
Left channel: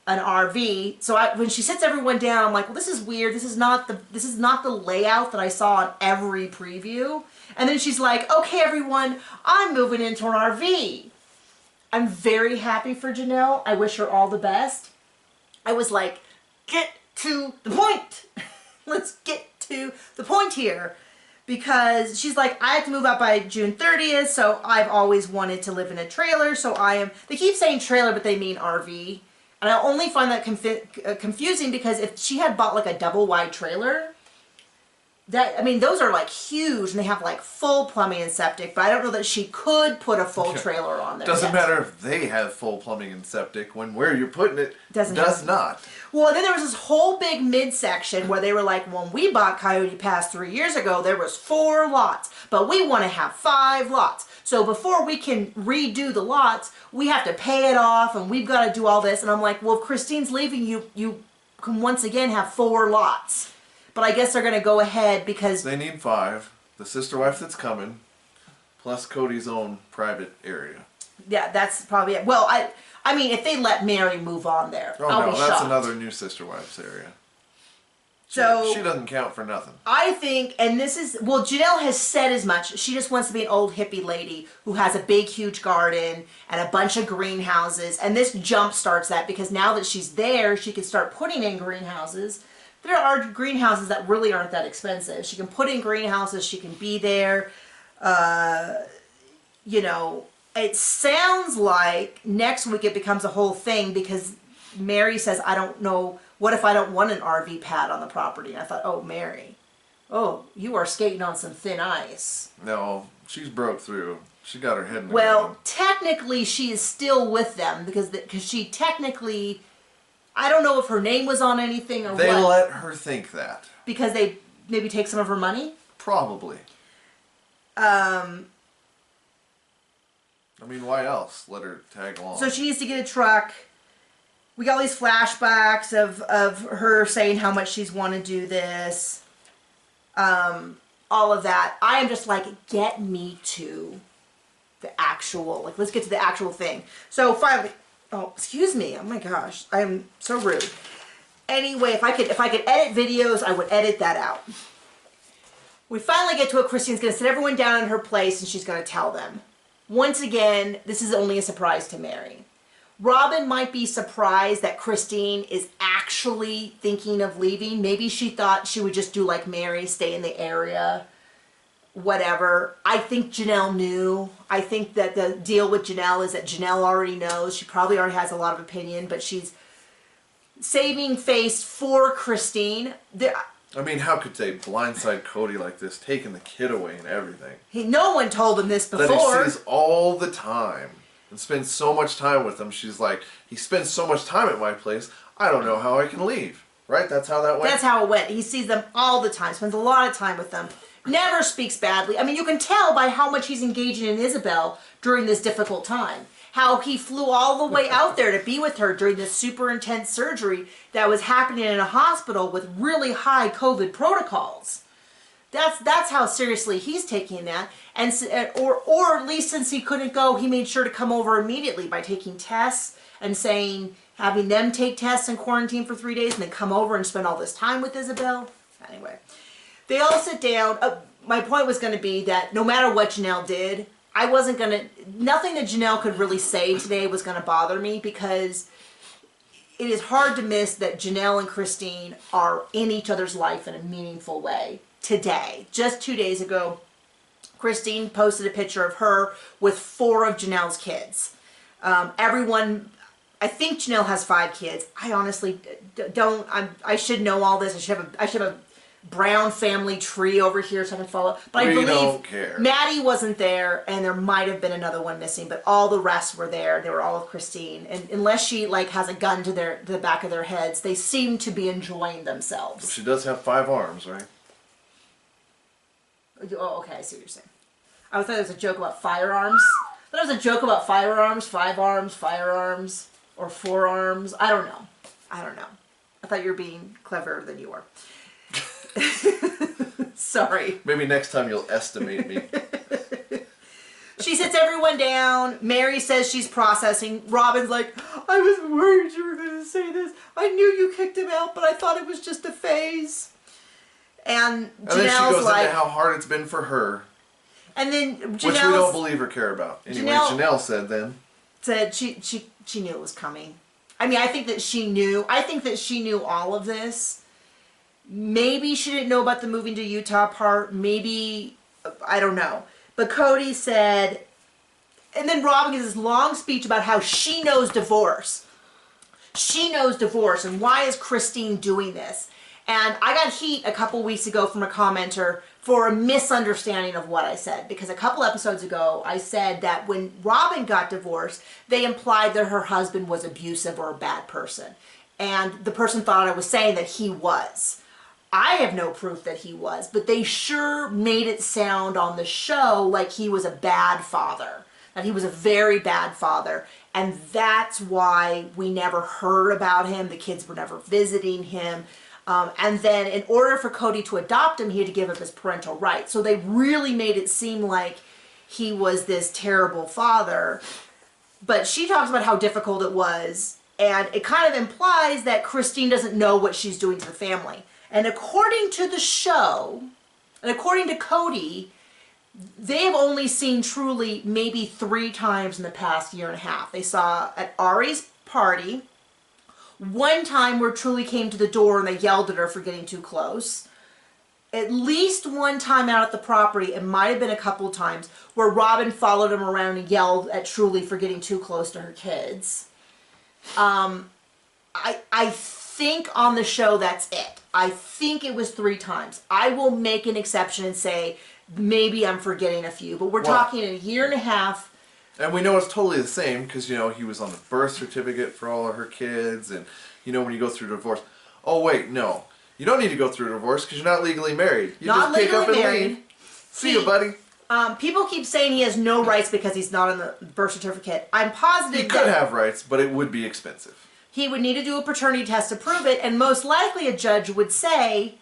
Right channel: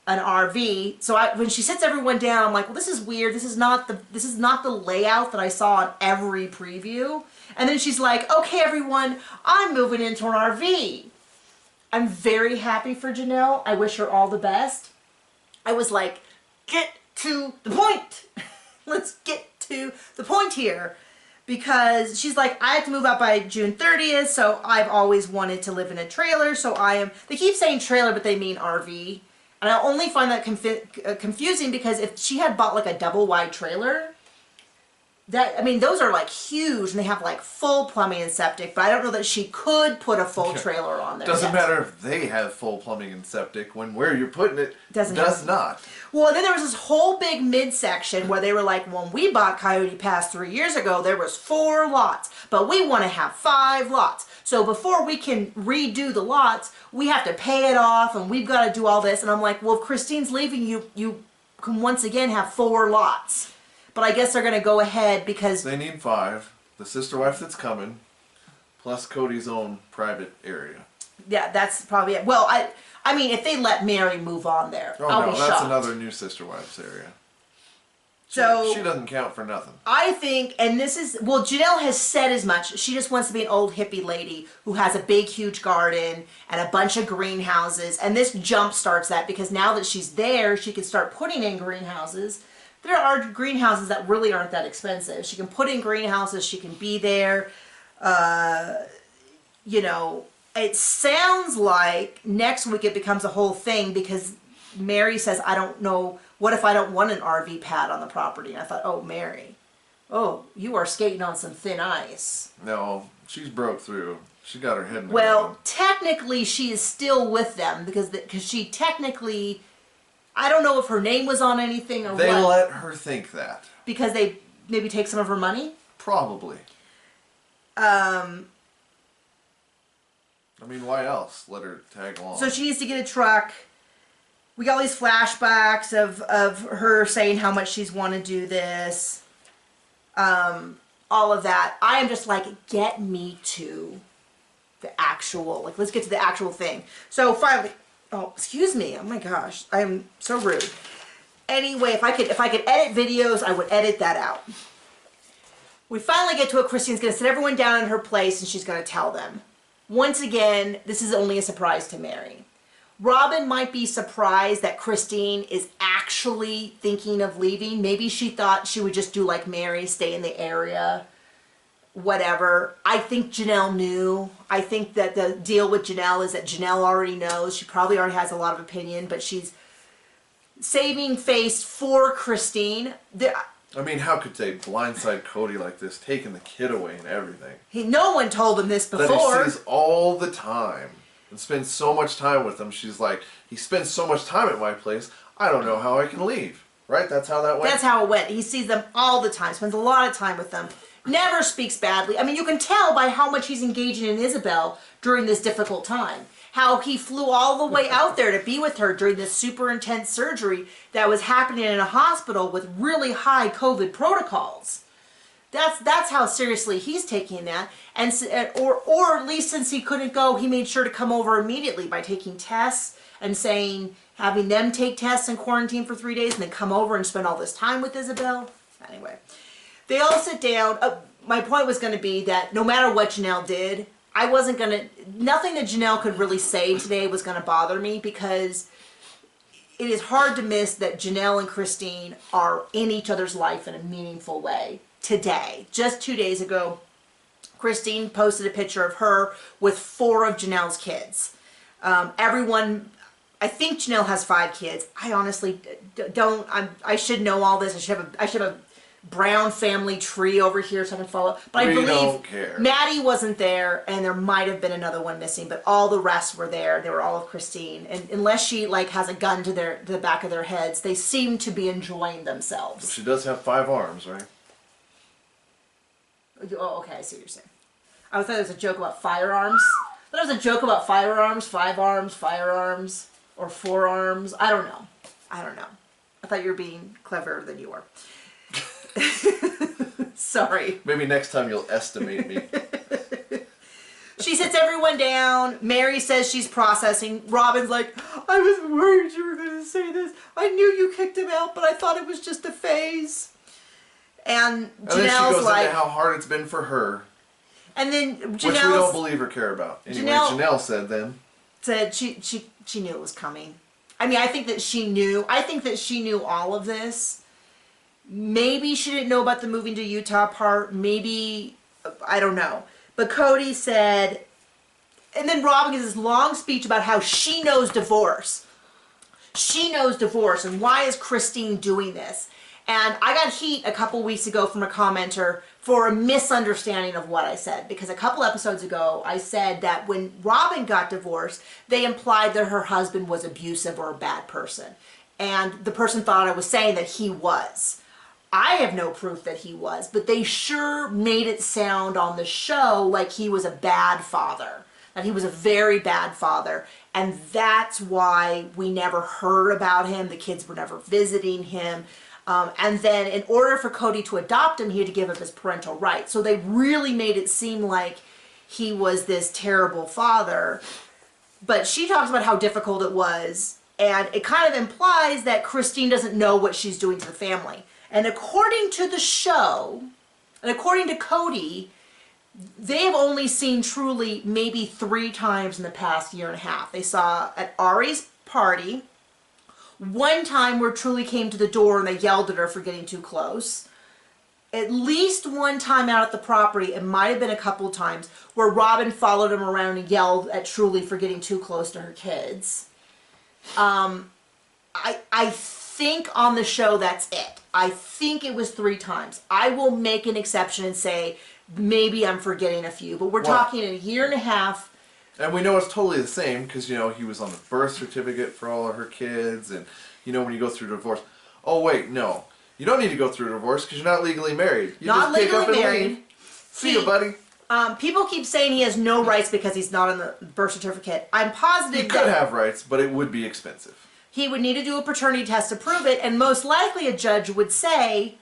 an RV. So when she sits everyone down, I'm like, well, this is weird. This is not the layout that I saw on every preview. And then she's like, okay, everyone, I'm moving into an RV. I'm very happy for Janelle. I wish her all the best. I was like, get to the point. Let's get to the point here. Because she's like, I have to move out by June 30th, so I've always wanted to live in a trailer, so they keep saying trailer, but they mean RV. And I only find that confusing because if she had bought like a double wide trailer, those are like huge and they have like full plumbing and septic, but I don't know that she could put a full trailer on there. Doesn't matter if they have full plumbing and septic when where you're putting it does not. Well, and then there was this whole big midsection where they were like, when we bought Coyote Pass 3 years ago, there was 4 lots, but we want to have 5 lots. So before we can redo the lots, we have to pay it off and we've got to do all this. And I'm like, well, if Christine's leaving, you can once again have 4 lots. But I guess they're going to go ahead because... They need 5. The sister wife that's coming, plus Cody's own private area. Yeah, that's probably it. Well, I mean, if they let Mary move on there, I'll be shocked. That's another new sister wife's area. So she doesn't count for nothing. I think, and this is, well, Janelle has said as much. She just wants to be an old hippie lady who has a big, huge garden and a bunch of greenhouses. And this jump starts that because now that she's there, she can start putting in greenhouses. There are greenhouses that really aren't that expensive. She can put in greenhouses. She can be there. You know, it sounds like next week it becomes a whole thing because Mary says, I don't know, what if I don't want an RV pad on the property? And I thought, oh, Mary, oh, you are skating on some thin ice. No, she's broke through. She got her head in the ground. Technically, she is still with them because she technically... I don't know if her name was on anything or what. They let her think that. Because they maybe take some of her money? Probably. I mean, why else? Let her tag along. So she needs to get a truck. We got all these flashbacks of her saying how much she's want to do this. All of that. I am just like, get me to the actual, like, let's get to the actual thing. So finally... Oh, excuse me. Oh my gosh. I am so rude. Anyway, if I could edit videos, I would edit that out. We finally get to it. Christine's going to sit everyone down in her place and she's going to tell them. Once again, this is only a surprise to Mary. Robin might be surprised that Christine is actually thinking of leaving. Maybe she thought she would just do like Mary, stay in the area. Whatever. I think Janelle knew. I think that the deal with Janelle is that Janelle already knows. She probably already has a lot of opinion, but she's saving face for Christine. I mean, how could they blindside Cody like this, taking the kid away and everything? No one told him this before. That he sees all the time and spends so much time with them. She's like, he spends so much time at my place, I don't know how I can leave. Right? That's how that went? That's how it went. He sees them all the time, spends a lot of time with them. Never speaks badly. I mean, you can tell by how much he's engaging in Isabel during this difficult time. How he flew all the way out there to be with her during this super intense surgery that was happening in a hospital with really high COVID protocols. That's how seriously he's taking that, and or at least since he couldn't go, he made sure to come over immediately by taking tests and having them take tests and quarantine for 3 days, and then come over and spend all this time with Isabel. Anyway, they all sit down. My point was going to be that no matter what Janelle did, nothing that Janelle could really say today was going to bother me, because it is hard to miss that Janelle and Christine are in each other's life in a meaningful way. Today, just 2 days ago, Christine posted a picture of her with 4 of Janelle's kids. I think Janelle has 5 kids. I honestly don't. I should know all this. I should have a Brown family tree over here so I can follow. But I believe don't care. Maddie wasn't there, and there might have been another one missing, but all the rest were there. They were all with Christine, and unless she has a gun to the back of their heads, they seem to be enjoying themselves. Well, she does have 5 arms, right? Oh, okay, I see what you're saying. I thought it was a joke about firearms. I thought it was a joke about firearms, 5 arms, firearms, or 4 arms. I don't know. I thought you were being cleverer than you are. Sorry. Maybe next time you'll estimate me. She sits everyone down. Mary says she's processing. Robin's like, I was worried you were going to say this. I knew you kicked him out, but I thought it was just a phase. And Janelle's then she goes into how hard it's been for her. And then Janelle, which we don't believe or care about. Anyway, Janelle said she knew it was coming. I mean, I think that she knew. I think that she knew all of this. Maybe she didn't know about the moving to Utah part. Maybe, I don't know. But Cody said, and then Robin gives this long speech about how she knows divorce. She knows divorce, and why is Christine doing this? And I got heat a couple weeks ago from a commenter for a misunderstanding of what I said. Because a couple episodes ago, I said that when Robin got divorced, they implied that her husband was abusive or a bad person. And the person thought I was saying that he was. I have no proof that he was, but they sure made it sound on the show like he was a bad father. That he was a very bad father. And that's why we never heard about him. The kids were never visiting him. And then in order for Cody to adopt him, he had to give up his parental rights. So they really made it seem like he was this terrible father. But she talks about how difficult it was. And it kind of implies that Christine doesn't know what she's doing to the family. And according to the show, and according to Cody, they have only seen Truly maybe 3 times in the past year and a half. They saw at Ari's party, one time where Truly came to the door and they yelled at her for getting too close. At least one time out at the property, it might have been a couple times, where Robin followed him around and yelled at Truly for getting too close to her kids. I think on the show that's it. I think it was 3 times. I will make an exception and say maybe I'm forgetting a few, but we're talking in a year and a half. And we know it's totally the same because, he was on the birth certificate for all of her kids. And, when you go through divorce. Oh, wait, no. You don't need to go through a divorce because you're not legally married. You not just pick up and married. leave. See you, buddy. People keep saying he has no rights because he's not on the birth certificate. I'm positive he could have rights, but it would be expensive. He would need to do a paternity test to prove it, and most likely a judge would say,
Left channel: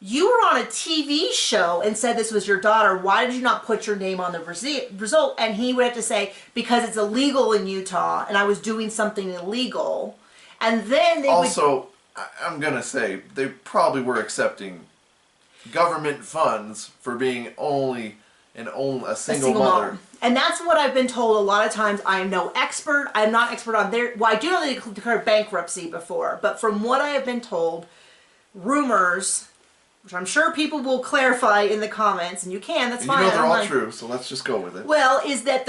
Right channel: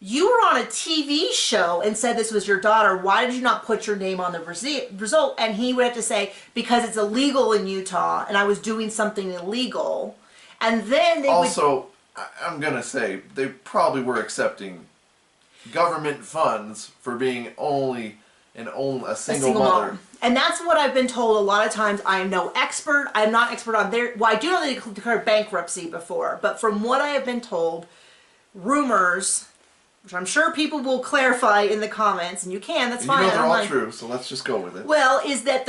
you were on a TV show and said this was your daughter. Why did you not put your name on the result? And he would have to say, because it's illegal in Utah, and I was doing something illegal. And then they I'm going to say, they probably were accepting government funds for being only a single mother. Mom. And that's what I've been told a lot of times. I am no expert. I'm not expert on I do know they declared bankruptcy before, but from what I have been told, rumors, which I'm sure people will clarify in the comments, and you can, that's fine. They're all true, so let's just go with it. Well, is that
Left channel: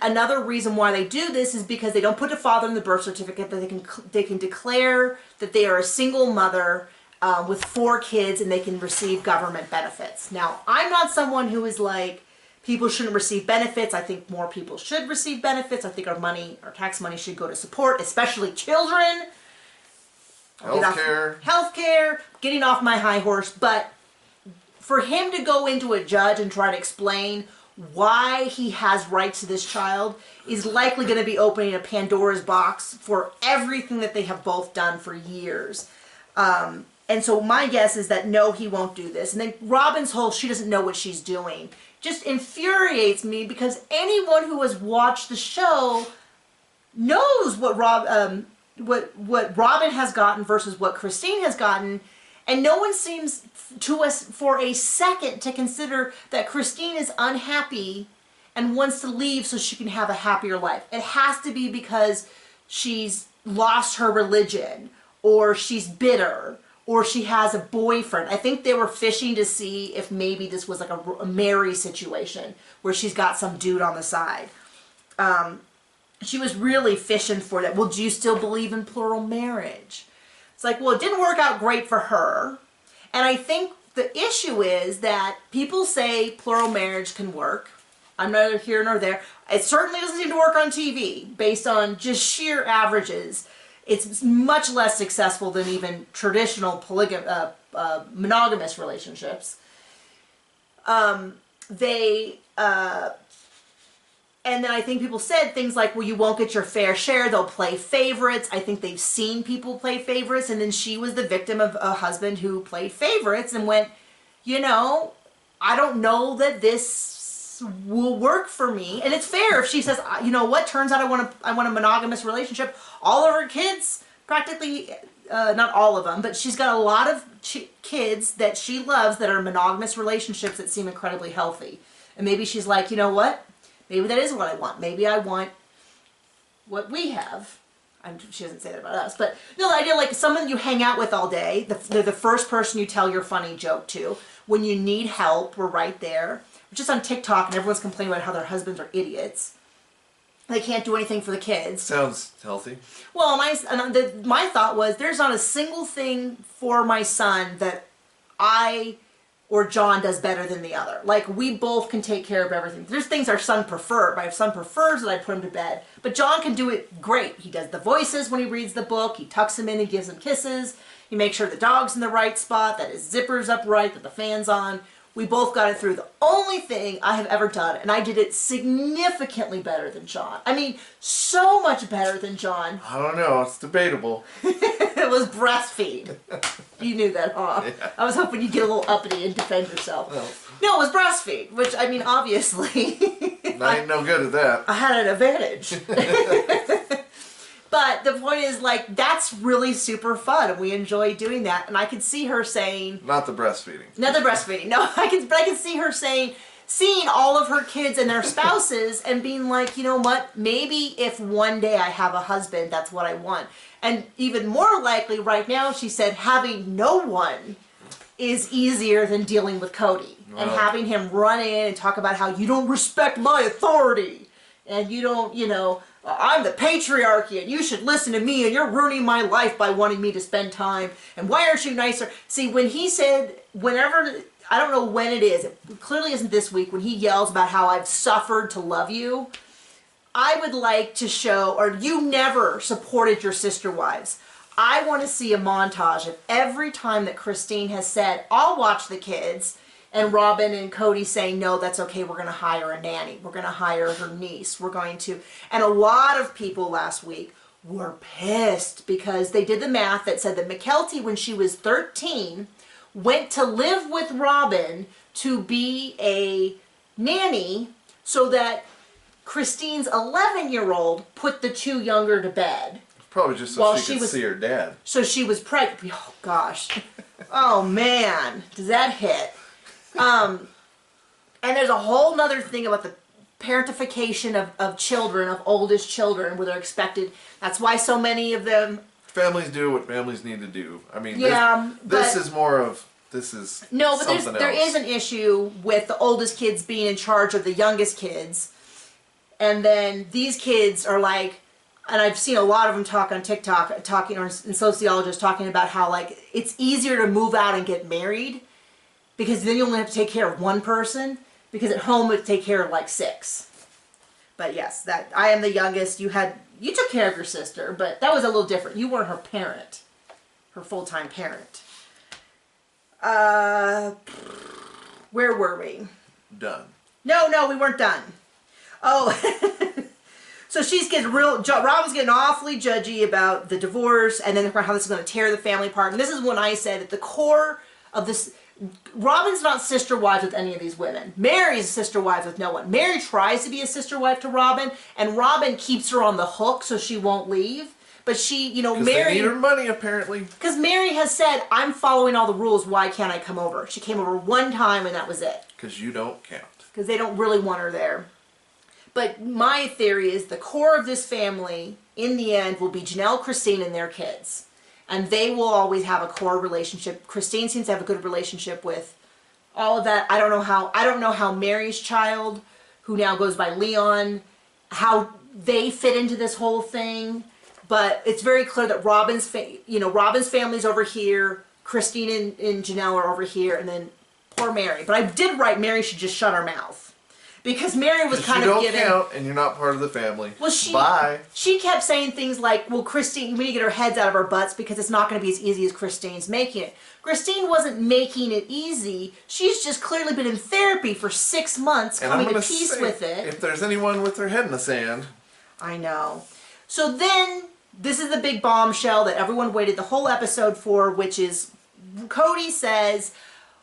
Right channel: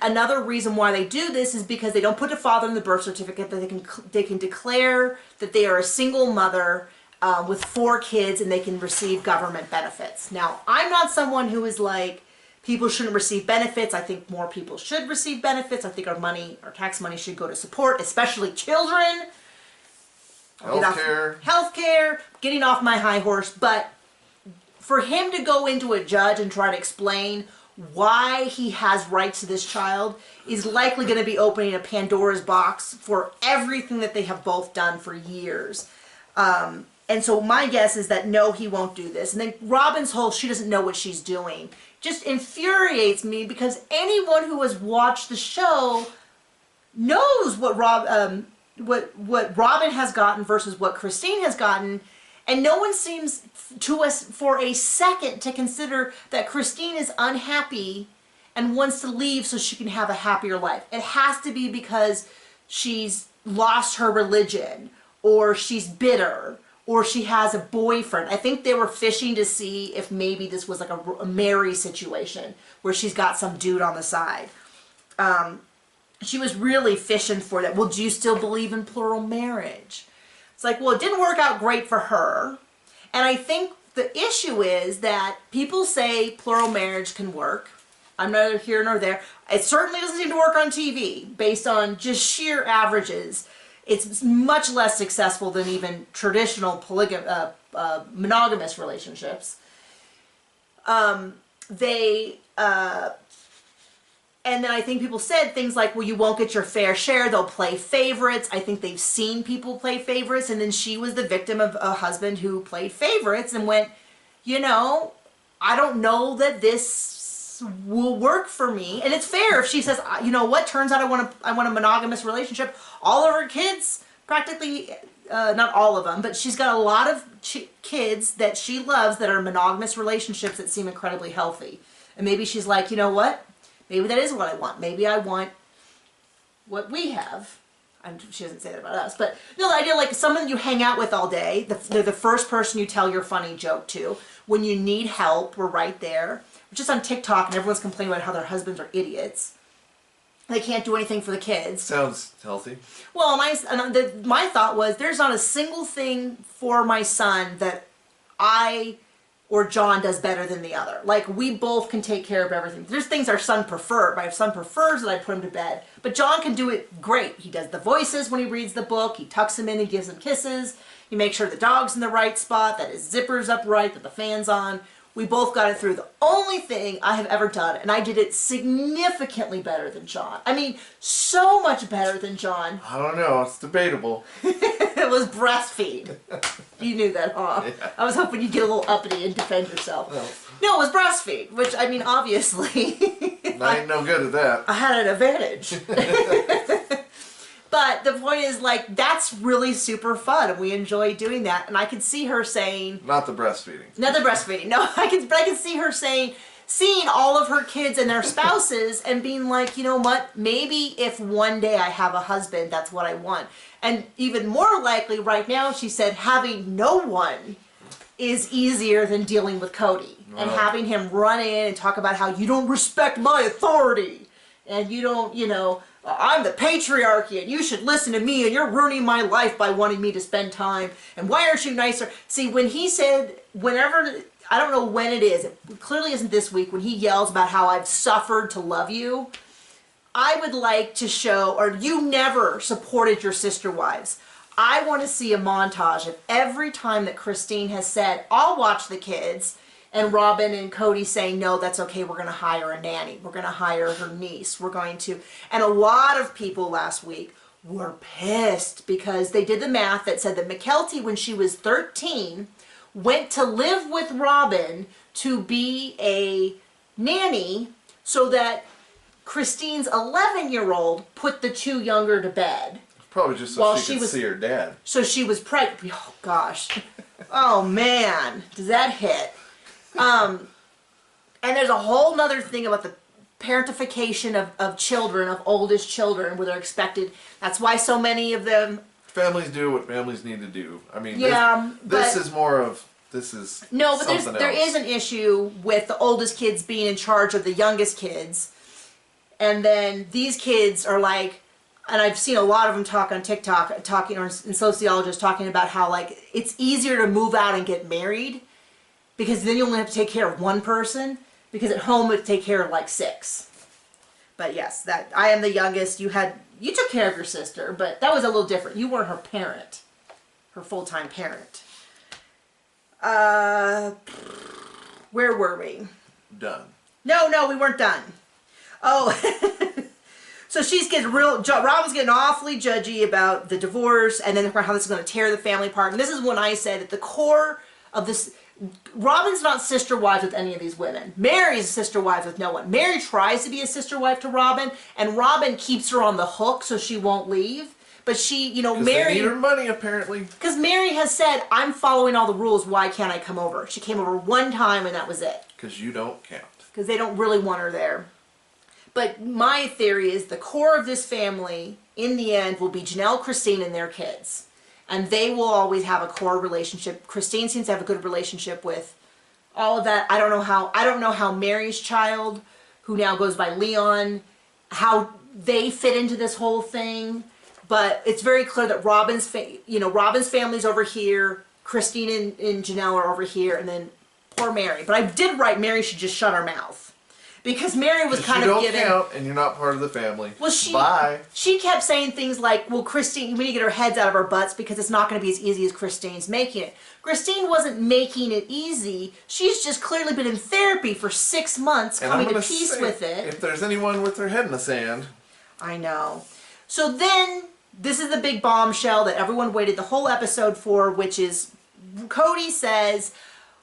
another reason why they do this is because they don't put a father in the birth certificate, that they can declare that they are a single mother with 4 kids, and they can receive government benefits. Now, I'm not someone who is like, people shouldn't receive benefits. I think more people should receive benefits. I think our tax money should go to support, especially children. Healthcare, getting off my high horse. But for him to go into a judge and try to explain why he has rights to this child is likely going to be opening a Pandora's box for everything that they have both done for years. And so my guess is that no, he won't do this. And then Robin's whole she doesn't know what she's doing just infuriates me, because anyone who has watched the show knows what what Robin has gotten versus what Christine has gotten, and no one seems to us for a second to consider that Christine is unhappy and wants to leave so she can have a happier life. It has to be because she's lost her religion, or she's bitter, or she has a boyfriend. I think they were fishing to see if maybe this was like a Mary situation where she's got some dude on the side. She was really fishing for that. Well, do you still believe in plural marriage? It's like, well, it didn't work out great for her. And I think the issue is that people say plural marriage can work. I'm neither here nor there. It certainly doesn't seem to work on TV based on just sheer averages. It's much less successful than even traditional monogamous relationships. And then I think people said things like, well, you won't get your fair share. They'll play favorites. I think they've seen people play favorites. And then she was the victim of a husband who played favorites and went, you know, I don't know that this will work for me. And it's fair if she says, you know what, turns out I want a monogamous relationship. All of her kids, practically, not all of them, but she's got a lot of kids that she loves that are monogamous relationships that seem incredibly healthy. And maybe she's like, you know what? Maybe that is what I want. Maybe I want what we have. She doesn't say that about us. But no, the idea like someone you hang out with all day, they're the first person you tell your funny joke to. When you need help, we're right there. We're just on TikTok and everyone's complaining about how their husbands are idiots. They can't do anything for the kids. Sounds healthy. Well, my thought was there's not a single thing for my son that I or John does better than the other. Like, we both can take care of everything. There's things our son prefers. My son prefers that I put him to bed. But John can do it great. He does the voices when he reads the book. He tucks him in and gives him kisses. He makes sure the dog's in the right spot, that his zipper's upright, that the fan's on. We both got it through. The only thing I have ever done, and I did it significantly better than John. I mean, so much better than John. I don't know. It's debatable. It was breastfeed. You knew that, huh? Yeah. I was hoping you'd get a little uppity and defend yourself. Well, no, it was breastfeed, which, I mean, obviously... I ain't no good at that. I had an advantage. But the point is, like, that's really super fun, and we enjoy doing that. And I could see her saying... Not the breastfeeding. Not the breastfeeding. No, but I can see her saying, seeing all of her kids and their spouses and being like, you know what, maybe if one day I have a husband, that's what I want. And even more likely right now, she said, having no one is easier than dealing with Cody. Wow. And having him run in and talk about how you don't respect my authority. And you don't, you know... I'm the patriarchy and you should listen to me and you're ruining my life by wanting me to spend time. And why aren't you nicer? See, when he said, whenever, I don't know when it is, it clearly isn't this week, when he yells about how I've suffered to love you, I would like to show, or you never supported your sister wives. I want to see a montage of every time that Christine has said, I'll watch the kids, and Robin and Cody saying, no, that's okay, we're going to hire a nanny. We're going to hire her niece. We're going to... And a lot of people last week were pissed because they did the math that said that McKelty, when she was 13, went to live with Robin to be a nanny so that Christine's 11-year-old put the two younger to bed. Probably just so she could see her dad. So she was pregnant. Oh, gosh. Oh, man. Does that hit? And there's a whole nother thing about the parentification of children, of oldest children, where they're expected. That's why so many of them... Families do what families need to do. I mean, yeah, this is more of... This is no, but something there else. is an issue with the oldest kids being in charge of the youngest kids. And then these kids are like... And I've seen a lot of them talk on TikTok, or sociologists talking about how, like, it's easier to move out and get married because then you only have to take care of one person, because at home it take care of like 6. But yes, that I am the youngest. You took care of your sister, but that was a little different. You weren't her parent, her full-time parent. Where were we? Done. No, we weren't done. Oh, So she's getting Robin's getting awfully judgy about the divorce, and then how this is going to tear the family apart. And this is when I said at the core of this, Robin's not sister wives with any of these women. Mary's sister wives with no one. Mary tries to be a sister wife to Robin, and Robin keeps her on the hook so she won't leave. But she, you know, Mary... they need her money, apparently. Because Mary has said, I'm following all the rules, why can't I come over? She came over one time and that was it. Because you don't count. Because they don't really want her there. But my theory is the core of this family, in the end, will be Janelle, Christine, and their kids. And they will always have a core relationship. Christine seems to have a good relationship with all of that. I don't know how Mary's child, who now goes by Leon, how they fit into this whole thing. But it's very clear that Robin's family's over here, Christine and Janelle are over here, and then poor Mary. But I did write Mary should just shut her mouth. Because Mary was kind of giving... You don't count, and you're not part of the family. Well, she kept saying things like, well, Christine, we need to get our heads out of our butts because it's not going to be as easy as Christine's making it. Christine wasn't making it easy. She's just clearly been in therapy for 6 months, coming to peace with it. If there's anyone with their head in the sand... I know. So then, this is the big bombshell that everyone waited the whole episode for, which is Cody says...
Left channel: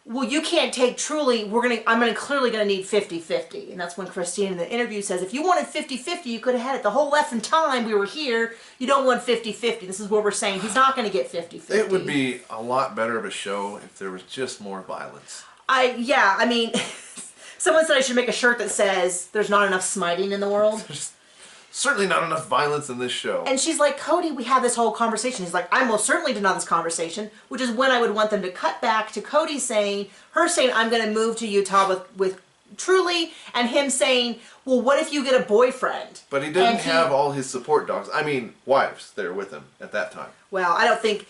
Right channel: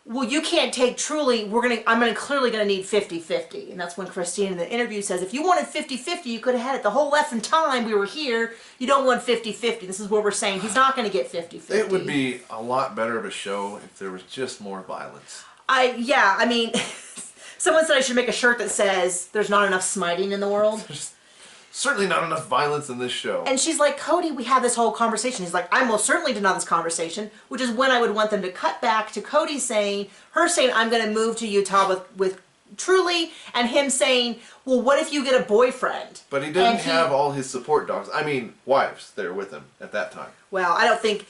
well, you can't take Truly, I'm clearly going to need 50-50. And that's when Christine in the interview says, if you wanted 50-50, you could have had it the whole effing time we were here. You don't want 50-50. This is what we're saying. He's not going to get 50-50. It would be a lot better of a show if there was just more violence. I mean, someone said I should make a shirt that says, there's not enough smiting in the world. There's certainly not enough violence in this show. And she's like, Cody, we had this whole conversation. He's like, I most certainly did not have this conversation, which is when I would want them to cut back to Cody saying, I'm going to move to Utah with Truly, and him saying, well, what if you get a boyfriend? But he didn't have all his support dogs. I mean, wives there with him at that time. Well, I don't think...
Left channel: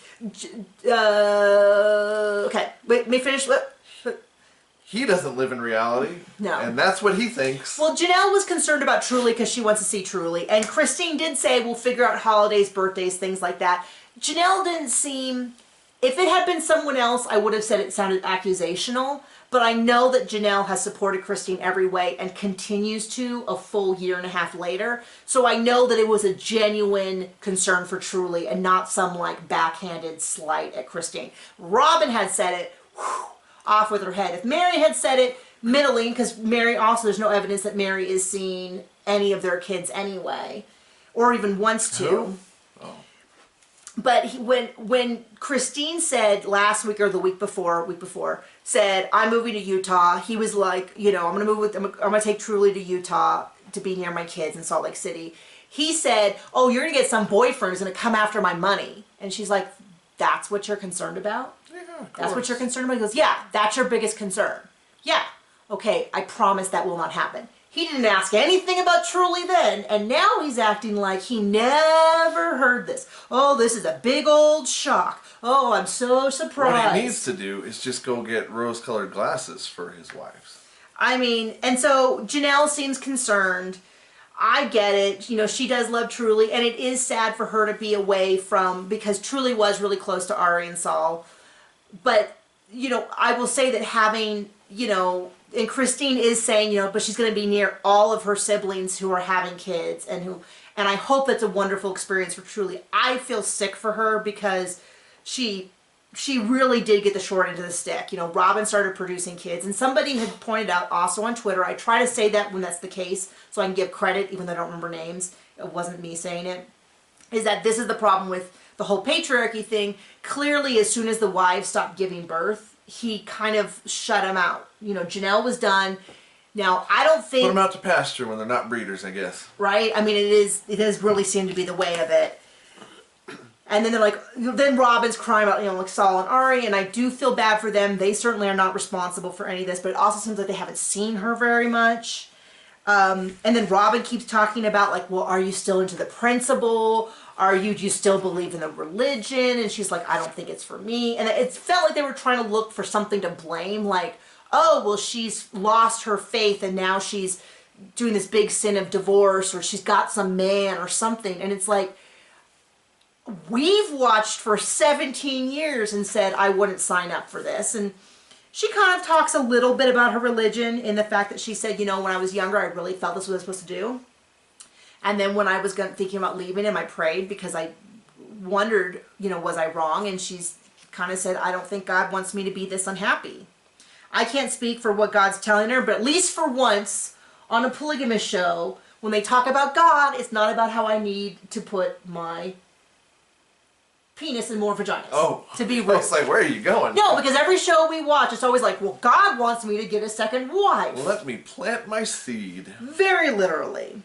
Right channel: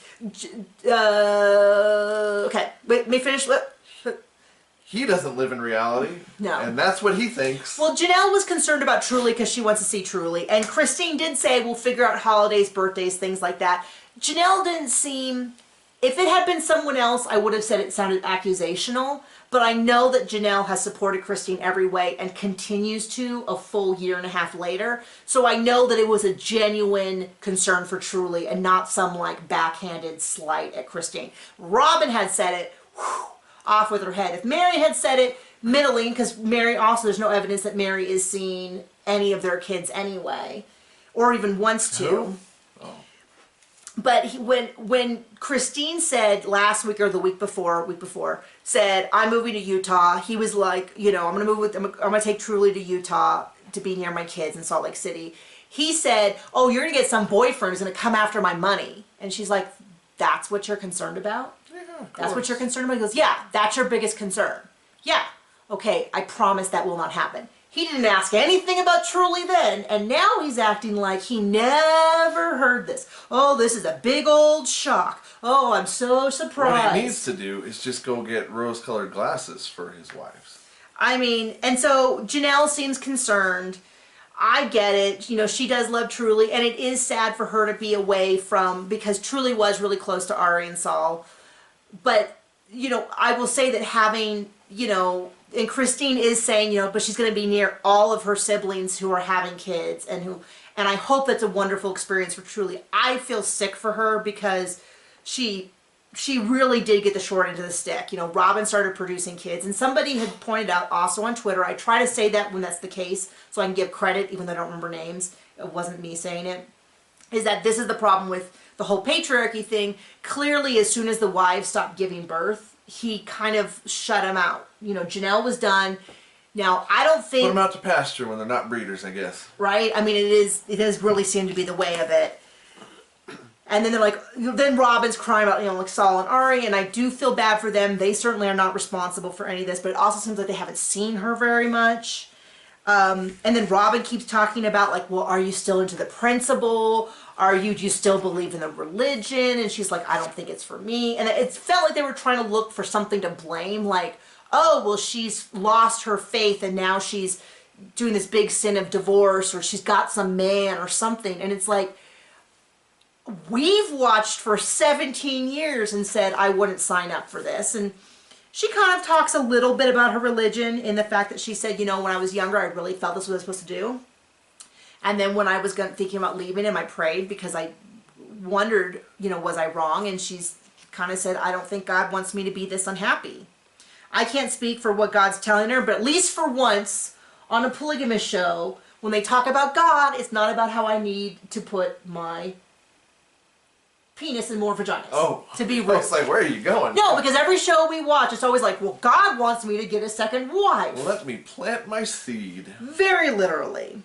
okay, wait, let me finish. He doesn't live in reality. No. And that's what he thinks. Well, Janelle was concerned about Truly because she wants to see Truly. And Christine did say, we'll figure out holidays, birthdays, things like that. Janelle didn't seem... if it had been someone else, I would have said it sounded accusational. But I know that Janelle has supported Christine every way and continues to a full 1.5 years later. So I know that it was a genuine concern for Truly and not some like backhanded slight at Christine. Robin had said it, off with her head. If Mary had said it, middling, because Mary also, there's no evidence that Mary is seeing any of their kids anyway, or even wants to. Oh. But when Christine said last week or the week before, said, I'm moving to Utah, he was like, I'm going to take Truly to Utah to be near my kids in Salt Lake City. He said, oh, you're going to get some boyfriend who's going to come after my money. And she's like, that's what you're concerned about? Yeah, of course. That's what you're concerned about? He goes, yeah, that's your biggest concern. Yeah, okay, I promise that will not happen. He didn't ask anything about Truly then, and now he's acting like he never heard this. Oh, this is a big old shock. Oh, I'm so surprised. What he needs to do is just go get rose-colored glasses for his wives. I mean, and so Janelle seems concerned. I get it. She does love Truly, and it is sad for her to be away from, because Truly was really close to Ari and Saul. But, I will say that having, and Christine is saying, but she's going to be near all of her siblings who are having kids and I hope that's a wonderful experience for Truly. I feel sick for her because she really did get the short end of the stick. Robin started producing kids, and somebody had pointed out also on Twitter, I try to say that when that's the case so I can give credit even though I don't remember names. It wasn't me saying it. Is that this is the problem with the whole patriarchy thing. Clearly, as soon as the wives stopped giving birth, he kind of shut him out. Janelle was done. Now, I don't think... put them out to pasture when they're not breeders, I guess. Right? I mean, it has really seemed to be the way of it. And then they're like, then Robin's crying about, like Saul and Ari, and I do feel bad for them. They certainly are not responsible for any of this, but it also seems like they haven't seen her very much. And then Robin keeps talking about, like, well, are you still into the principle? Do you still believe in the religion? And she's like, I don't think it's for me. And it felt like they were trying to look for something to blame, like, oh, well, she's lost her faith and now she's doing this big sin of divorce, or she's got some man or something. And it's like, we've watched for 17 years and said, I wouldn't sign up for this. And she kind of talks a little bit about her religion in the fact that she said, when I was younger, I really felt this was what I was supposed to do. And then when I was thinking about leaving him, I prayed because I wondered, was I wrong? And she's kind of said, I don't think God wants me to be this unhappy. I can't speak for what God's telling her, but at least for once on a polygamous show, when they talk about God, it's not about how I need to put my penis in more vaginas. Oh, to be I rude. was like, where are you going? No, because every show we watch, it's always like, well, God wants me to get a second wife. Let me plant my seed. Very literally.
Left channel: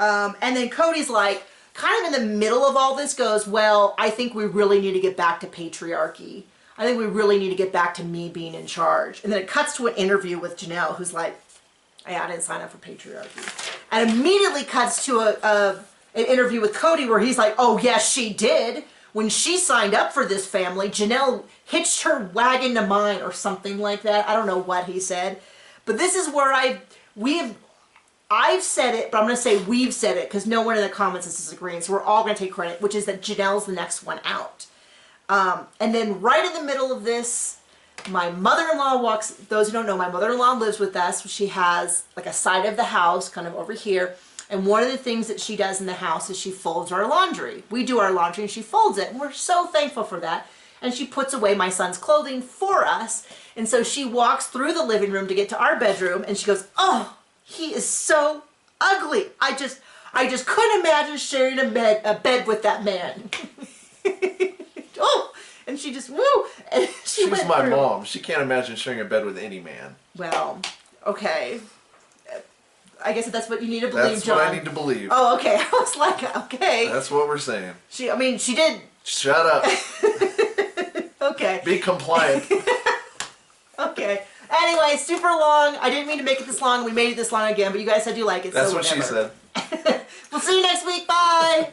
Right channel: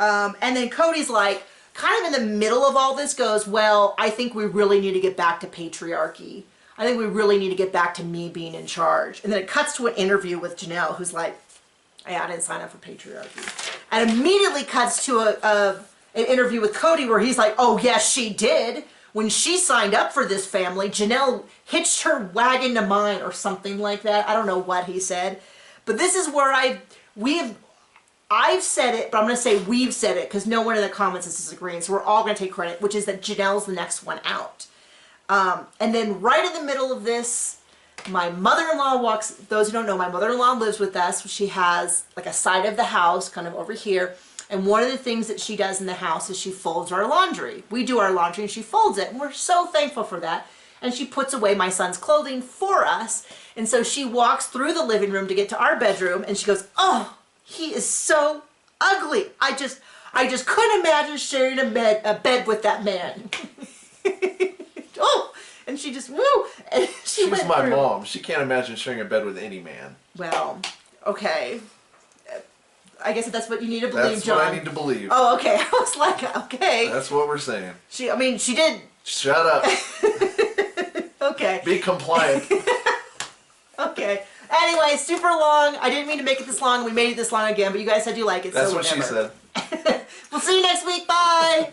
And then Cody's like, kind of in the middle of all this goes, well, I think we really need to get back to patriarchy. I think we really need to get back to me being in charge. And then it cuts to an interview with Janelle, who's like, I didn't sign up for patriarchy. And immediately cuts to an interview with Cody where he's like, oh, yes, she did. When she signed up for this family, Janelle hitched her wagon to mine or something like that. I don't know what he said. But this is where I've said it, but I'm going to say we've said it because no one in the comments is disagreeing. So we're all going to take credit, which is that Janelle's the next one out. And then right in the middle of this, my mother-in-law walks, those who don't know, my mother-in-law lives with us. She has like a side of the house kind of over here. And one of the things that she does in the house is she folds our laundry. We do our laundry and she folds it. And we're so thankful for that. And she puts away my son's clothing for us. And so she walks through the living room to get to our bedroom and she goes, oh, he is so ugly. I just couldn't imagine sharing a bed with that man. Oh, and she just, woo. And She's my mom. She can't imagine sharing a bed with any man. Well, okay. I guess that's what you need to believe, That's John. what I need to believe. Oh, okay. I was like, okay. That's what we're saying. She did. Shut up. Okay. Be compliant. Okay. Anyway, super long. I didn't mean to make it this long. We made it this long again, but you guys said you like it. That's so what she whatever. said. We'll see you next week. Bye.